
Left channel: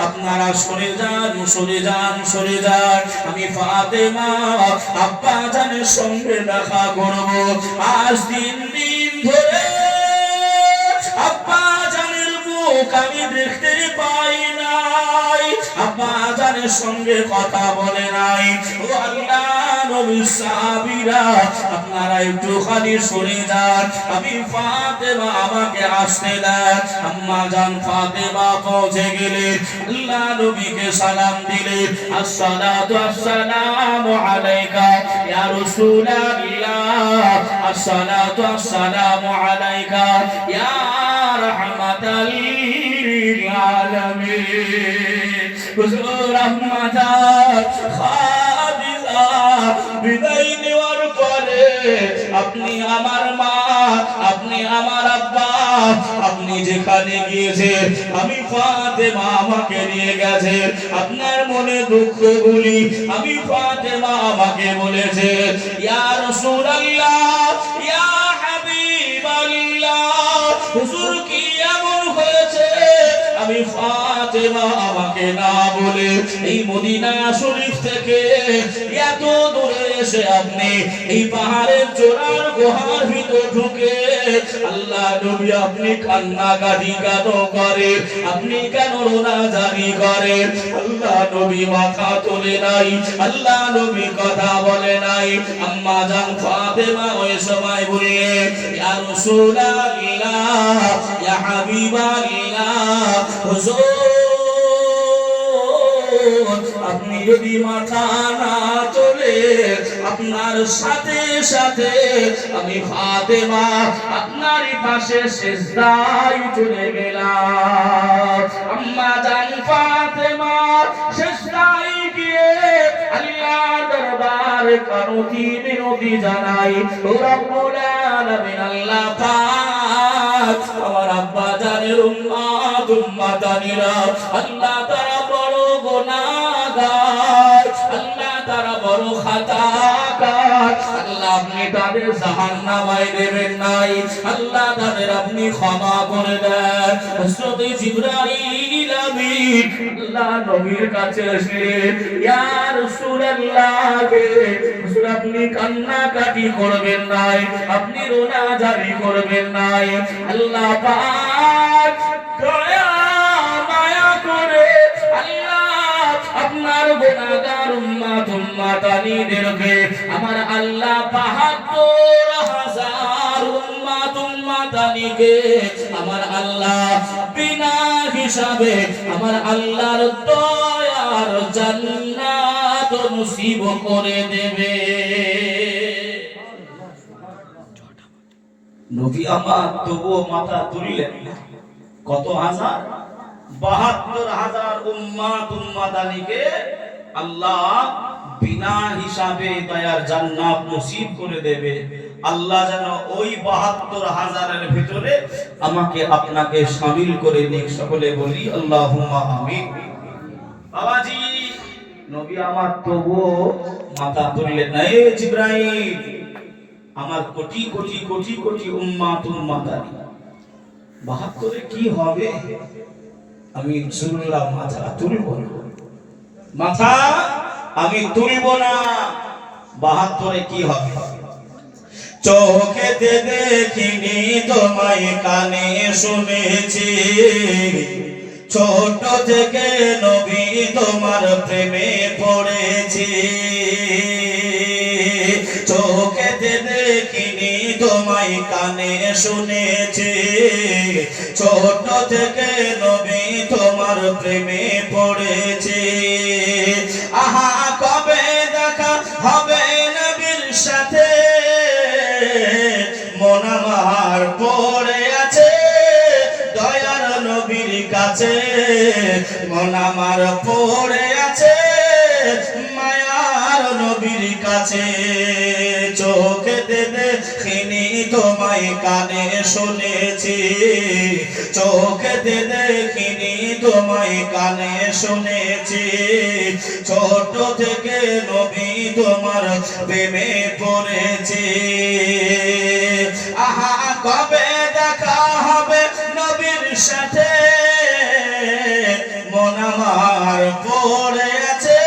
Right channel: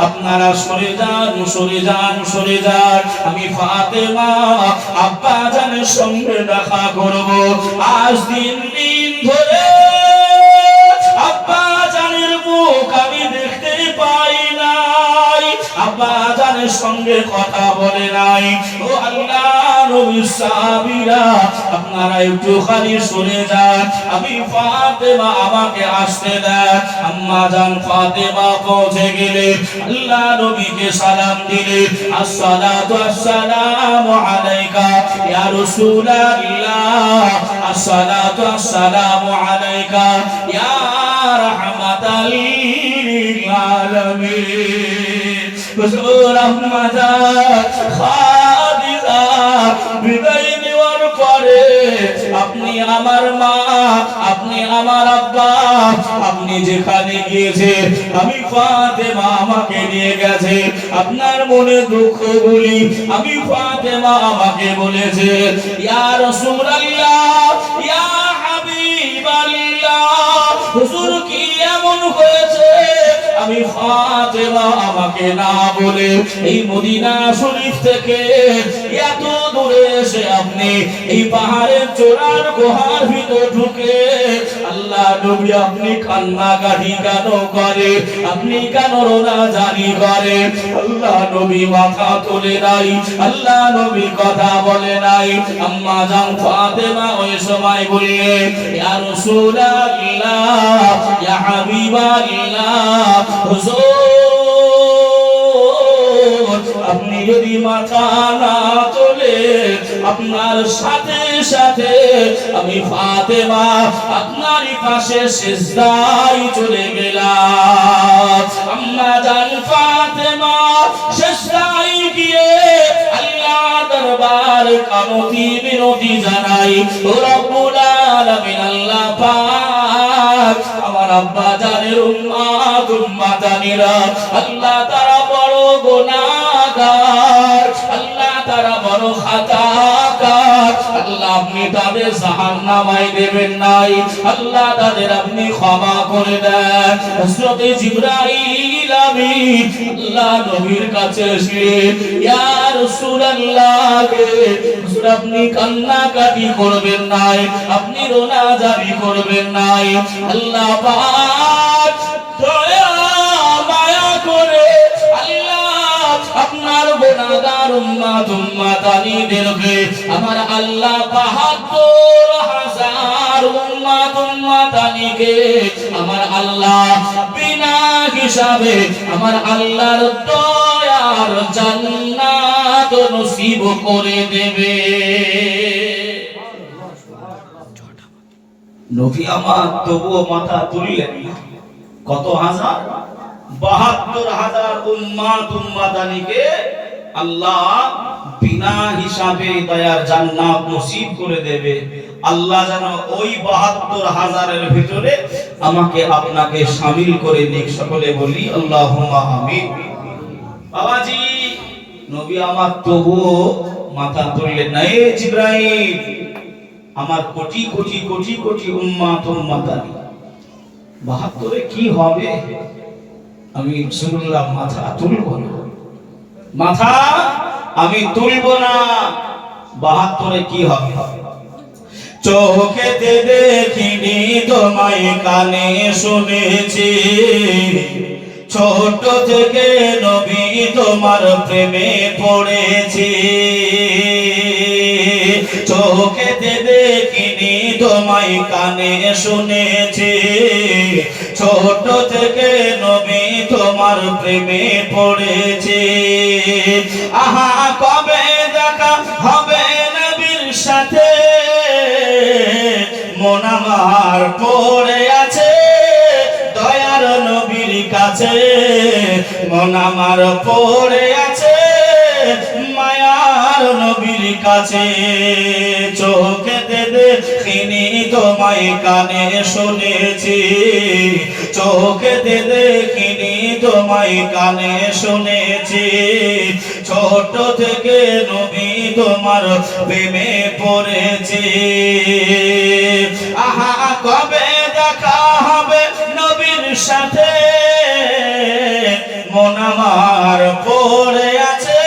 আপনারা সরে যান, সরে যান, সরে যান, আমি ফাতেমা আব্বা জানের সঙ্গে দেখা করব। আজ দিন ধরে আব্বা জানের মুখ আমি দেখতে পাই নাই, আব্বা জানের সঙ্গে কথা বলে নাই, ও আল্লাহ নবী সাহাবীরা, আপনারা একটুখানি সরে যান, আমি ফাতেমা আমাকে আসতে দেন। আম্মা জান ফাতেমা পৌঁছে গেলেন, আল্লাহ নবীকে সালাম দিলেন, আসসালাতু আসসালামু আলাইকা ইয়া রাসূলুল্লাহ, আসসালাতু আসসালামু আলাইকা ইয়া রাহমাতাল লিল আলামিন। হুজুর আম্মা জান খাদিজা বিদায় নেওয়ার পরে আপনি আমার মা, আপনি আমার আব্বা, আপনি যেখানে গিয়েছেন আমি ফাতেমা আমাকে নিয়ে গেছে, আপনার মনে দুঃখ বলি আমি ফাতেমা আমাকে বলেছে, ইয়া রাসূলুল্লাহ, ইয়া হাবিবাল্লাহ, হুজুর কি এমন হয়েছে আমি ফাতেমা আমাকে না বলে এই মদিনা শরীফ থেকে এত দূরে এসে আপনি এই পাহাড়ের চূড়ার গুহার ভিতর ঢুকে আল্লাহ নবী আপনি কান্নাকাটি কেন করে, আপনি কেন রোনাজানি করে? আল্লাহ নবী মাথা তোলে নাই, আল্লাহ নবী কথা বলে নাই। আম্মা জান ফাতেমা ওই সময় বললে, ইয়া রাসূলুল্লাহ, ইয়া হাবিবাল্লাহ, হুজুর আপনি যদি মাথা না তোলে আপনার সাথে সাথে আমি ফাতেমা আপনার পাশে সিজদায় চলে গেলাম। আম্মা জান ফাতেমা সিজদায় গিয়ে আল্লাহর দরবারে কামতি বিনতি জানাই, ও রব্বুল আলামিন আল্লাহ পাক আমার আব্বা জানের উম্মাতানিরা আল্লাহ তারা বড় গুনাহগার, আল্লাহ তারা বড় খাতাকার, আল্লাহ আপনি তাদের জাহান্নামায় দেবেন নাই, আল্লাহ তাদের আপনি ক্ষমা করে দেন। হযরত জিবরাইল আমিন আল্লাহ নবীর কাছে এসেছিলেন, ইয়া রাসূলুল্লাহ হুজুর আপনি কান্নাকাটি করবেন নাই, আপনি রোনাজানি করবেন নাই, আল্লাহ পাক দয়া মায়া করে আল্লাহ আপনার গুনাহগার উম্মাতানিদেরকে আমার আল্লাহ ৭২,০০০ উম্মাতানিকে আমার আল্লাহ বিনা হিসাবে আমার আল্লাহর দয়ার জান্নাত নসিব করে দেবে। নবী আমার তবুও মাথা তুললেন না। কত হাজার? ৭২,০০০ উম্মাতানিকে আল্লাহ বিনা হিসাবে দয়ার জান্নাত নসিব করে দেবে। আল্লাহ যেন ওই ৭২,০০০-এর ভিতরে আমাকে আপনাকে শামিল করে নিক। সকলে বলি আল্লাহুম্মা আমিন। বাবাজি, নবী আমার তবুও মাথা তুললেন না। এ জিবরাইল, আমার কোটি কোটি কোটি কোটি উম্মাত উম্মাতানি ৭২-এ কি হবে? আমি রাসূলুল্লাহ মাথা তুলব না, মাথা আমি তুলব না। ৭২-এ কি হবে? চোখেতে দেখিনি তোমায়, কানে শুনেছি, ছোট থেকে নবী তোমার প্রেমে পড়েছি। চোখেতে দেখিনি তোমায়, কানে শুনেছি, ছোট থেকে নবী তোমার প্রেমে পড়েছি। আহা কবে দেখা হবে নবীর সাথে, মন আমার পড়ে আছে দয়ার নবীর কাছে, মন আমার পড়ে আছে মায়ার নবীর কাছে। চোখেতে দেখিনি তোমায়, কানে শুনেছি, চোখেতে দেখিনি তোমায়, কানে শুনেছি, ছোট থেকে নবী তোমার প্রেমে পড়েছি। আহা কবে দেখা হবে নবীর সাথে, মন আমার পড়ে আছে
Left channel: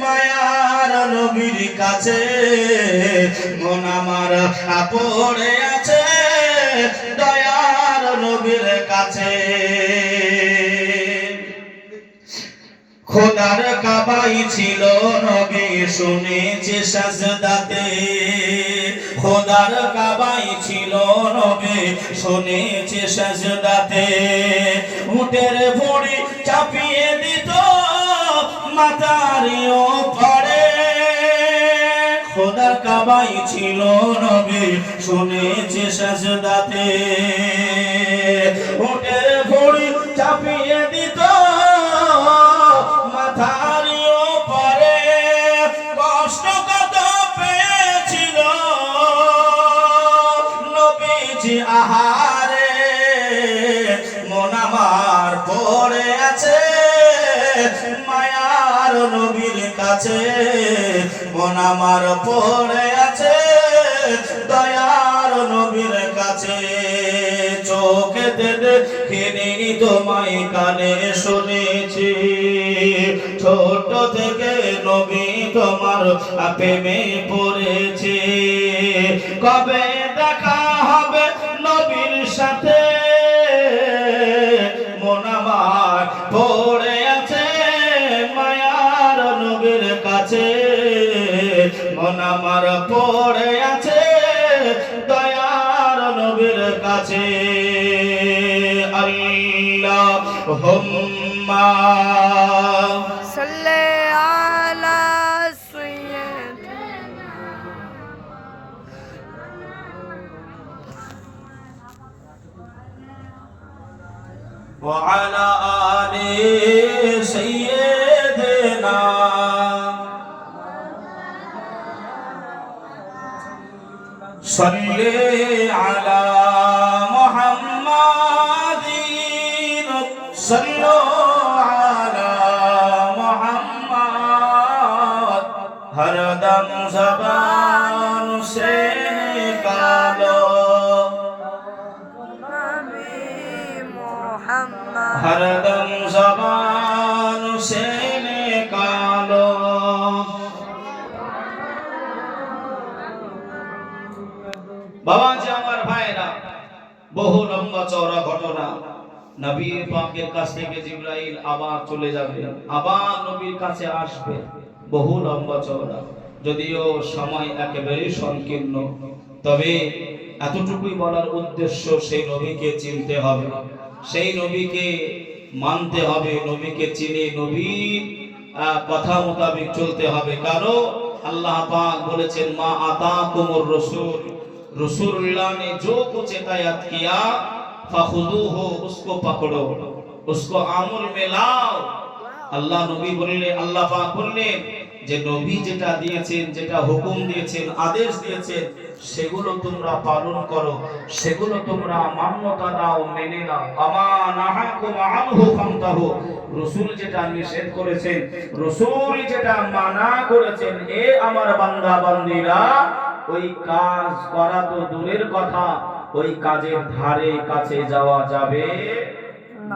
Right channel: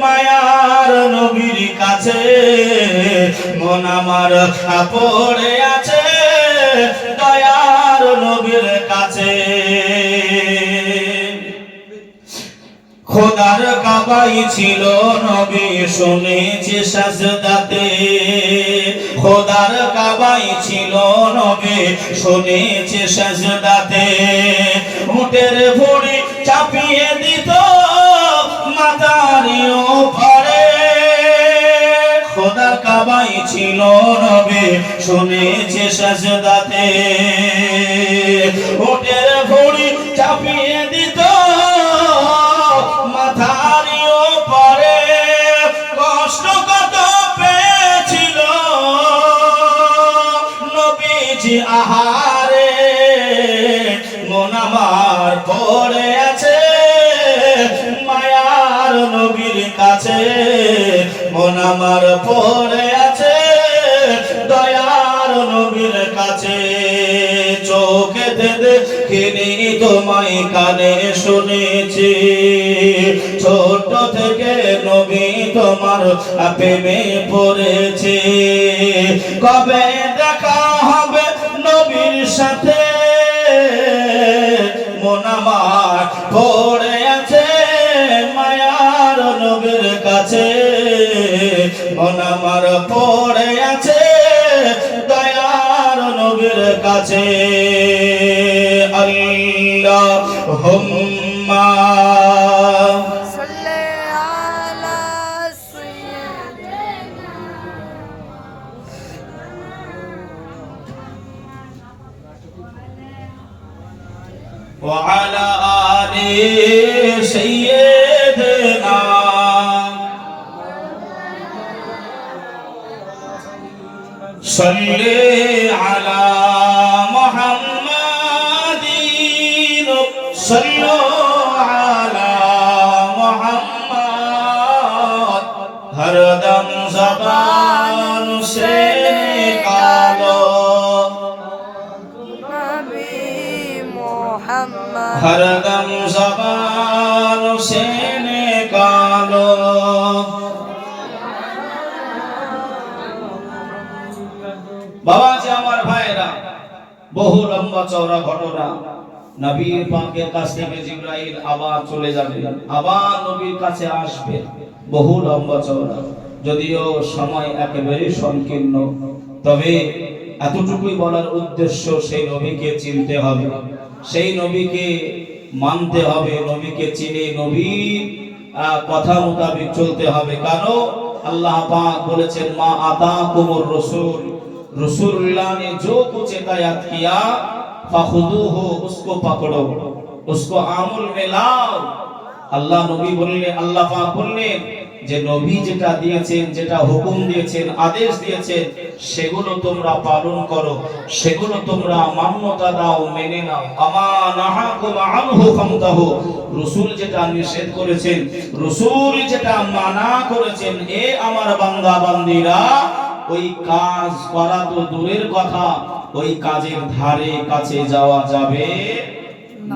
মায়ার নবীর কাছে, মন আমার পড়ে আছে দয়ার নবীর কাছে। খোদার কাবাই ছিল নবী শুনেছি সাজদাতে, খোদার কাবাই ছিল নবী শুনেছি সাজদাতে, উটের ভুঁড়ি চাপিয়ে দিত মাথার ওপরে। খোদা কাবাই ছিল নবী শুনেছি সাজদাতে, উটের ভুঁড়ি চাপিয়ে দিত মাথার ওপরে। কষ্ট কত পেয়েছিল নবীজি আহারে, মন আমার পড়ে আছে মায়ার নবীর কাছে, মন আমার পড়ে আছে দয়ার নবীর কাছে। চোখেতে দেখিনি তোমায়, কানে শুনেছি, ছোট থেকে নবী তোমার প্রেমে পড়েছি। কবে দেখা হবে নবীর সাথে, মন আমার পড়ে আছে মায়ার নবীর কাছে, মন আমার পড়ে আছে দয়ার নবীর কাছে। আল্লাহুম্মা সাল্লি আলা সাইয়্যিদিনা ওয়া আলা আলি সাইয়্যিদিনা। সাল্লি আলা মুহাম্মাদিন, সাল্লু আলা মুহাম্মাদ। হরদম জবান সে নিকালো, নবী মুহাম্মদ, হরদম জবান সে নিকালো। বাবাজি আমার ভাইরা, বহু লম্বা চওড়া ঘটনা। নবী পাকের কাছ থেকে জিবরাইল আবার চলে যাবে, আবার নবীর কাছে আসবে। বহু লম্বা চওড়া, যদিও সময় একেবারে সংকীর্ণ, তবে এতটুকুই বলার উদ্দেশ্য, সেই নবীকে চিনতে হবে, সেই নবীকে মানতে হবে, নবীকে চিনে নবীর কথা মোতাবেক চলতে হবে। কারণ আল্লাহ পাক বলেছেন, মা আতাকুমুর রাসূল, रसूलुल्लाह ने जो कुछ हिदायत किया फखुदूहु, उसको पकड़ो, उसको आमुल में लाओ। अल्लाह नबी बोलले, अल्लाह पाक बोलले যে নবী যেটা দিয়েছেন, যেটা হুকুম দিয়েছেন, আদেশ দিয়েছেন, সেগুলো তোমরা পালন করো, সেগুলো তোমরা মান্যতা দাও, মেনে নাও। আমা নাহাকুম আনহু ফান্তাহু, রাসূল যেটা নিষেধ করেছেন, রাসূল যেটা মানা করেছেন, এ আমার বান্দা বান্দীরা ওই কাজ করা তো দূরের কথা, ওই কাজের ধারে কাছে যাওয়া যাবে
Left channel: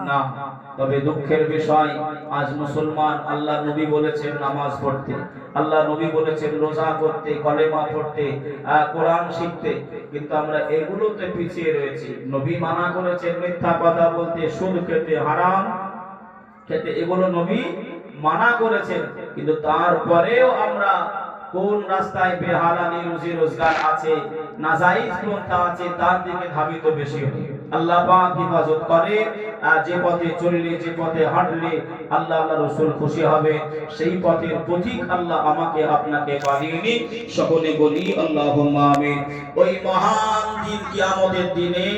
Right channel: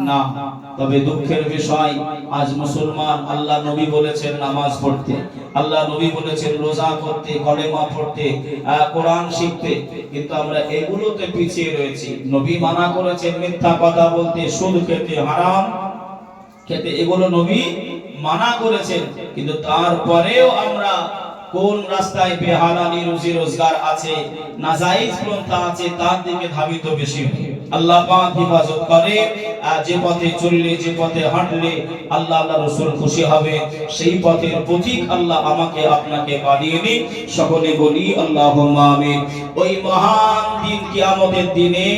না। তবে দুঃখের বিষয়, আজ মুসলমান, আল্লাহ নবী বলেছেন নামাজ পড়তে, আল্লাহ নবী বলেছেন রোজা করতে, কলেমা পড়তে, কোরআন শিখতে, কিন্তু আমরা এগুলোতে পিছিয়ে রয়েছি। নবী মানা করেছেন মিথ্যা কথা বলতে, সুদ খেতে, হারাম খেতে, এগুলো নবী মানা করেছেন, কিন্তু তারপরেও আমরা কোন রাস্তায় বেহালালি রুজি রোজগার আছে, নাজায়েজ পন্থা আছে, তার দিকে ধাবিত বেশি হই। আল্লাহ পাক হেফাজত করে, যে পথে চললে, যে পথে হাঁটলে আল্লাহ আল্লাহ রাসূল খুশি হবে, সেই পথের পথিক আল্লাহ আমাকে আপনাকে বানিয়ে নিন। সকলে বলি আল্লাহুম্মা আমিন। ওই মহান দিন কিয়ামতের দিনে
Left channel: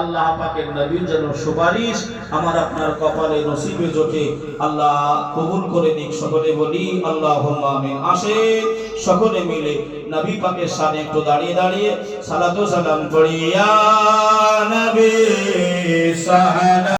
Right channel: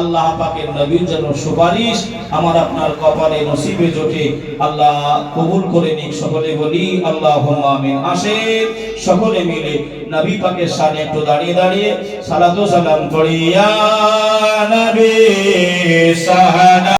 আল্লাহ পাকের নবীর জন্য সুপারিশ আমার আপনার কপালে নসিবে জোটে, আল্লাহ কবুল করে নিক। সকলে বলি আল্লাহুম্মা আমিন। আসে সকলে মিলে নবী পাকের শানে একটু দাঁড়িয়ে দাঁড়িয়ে সালাত ও সালাম পড়ি। ইয়া নবী সালাম।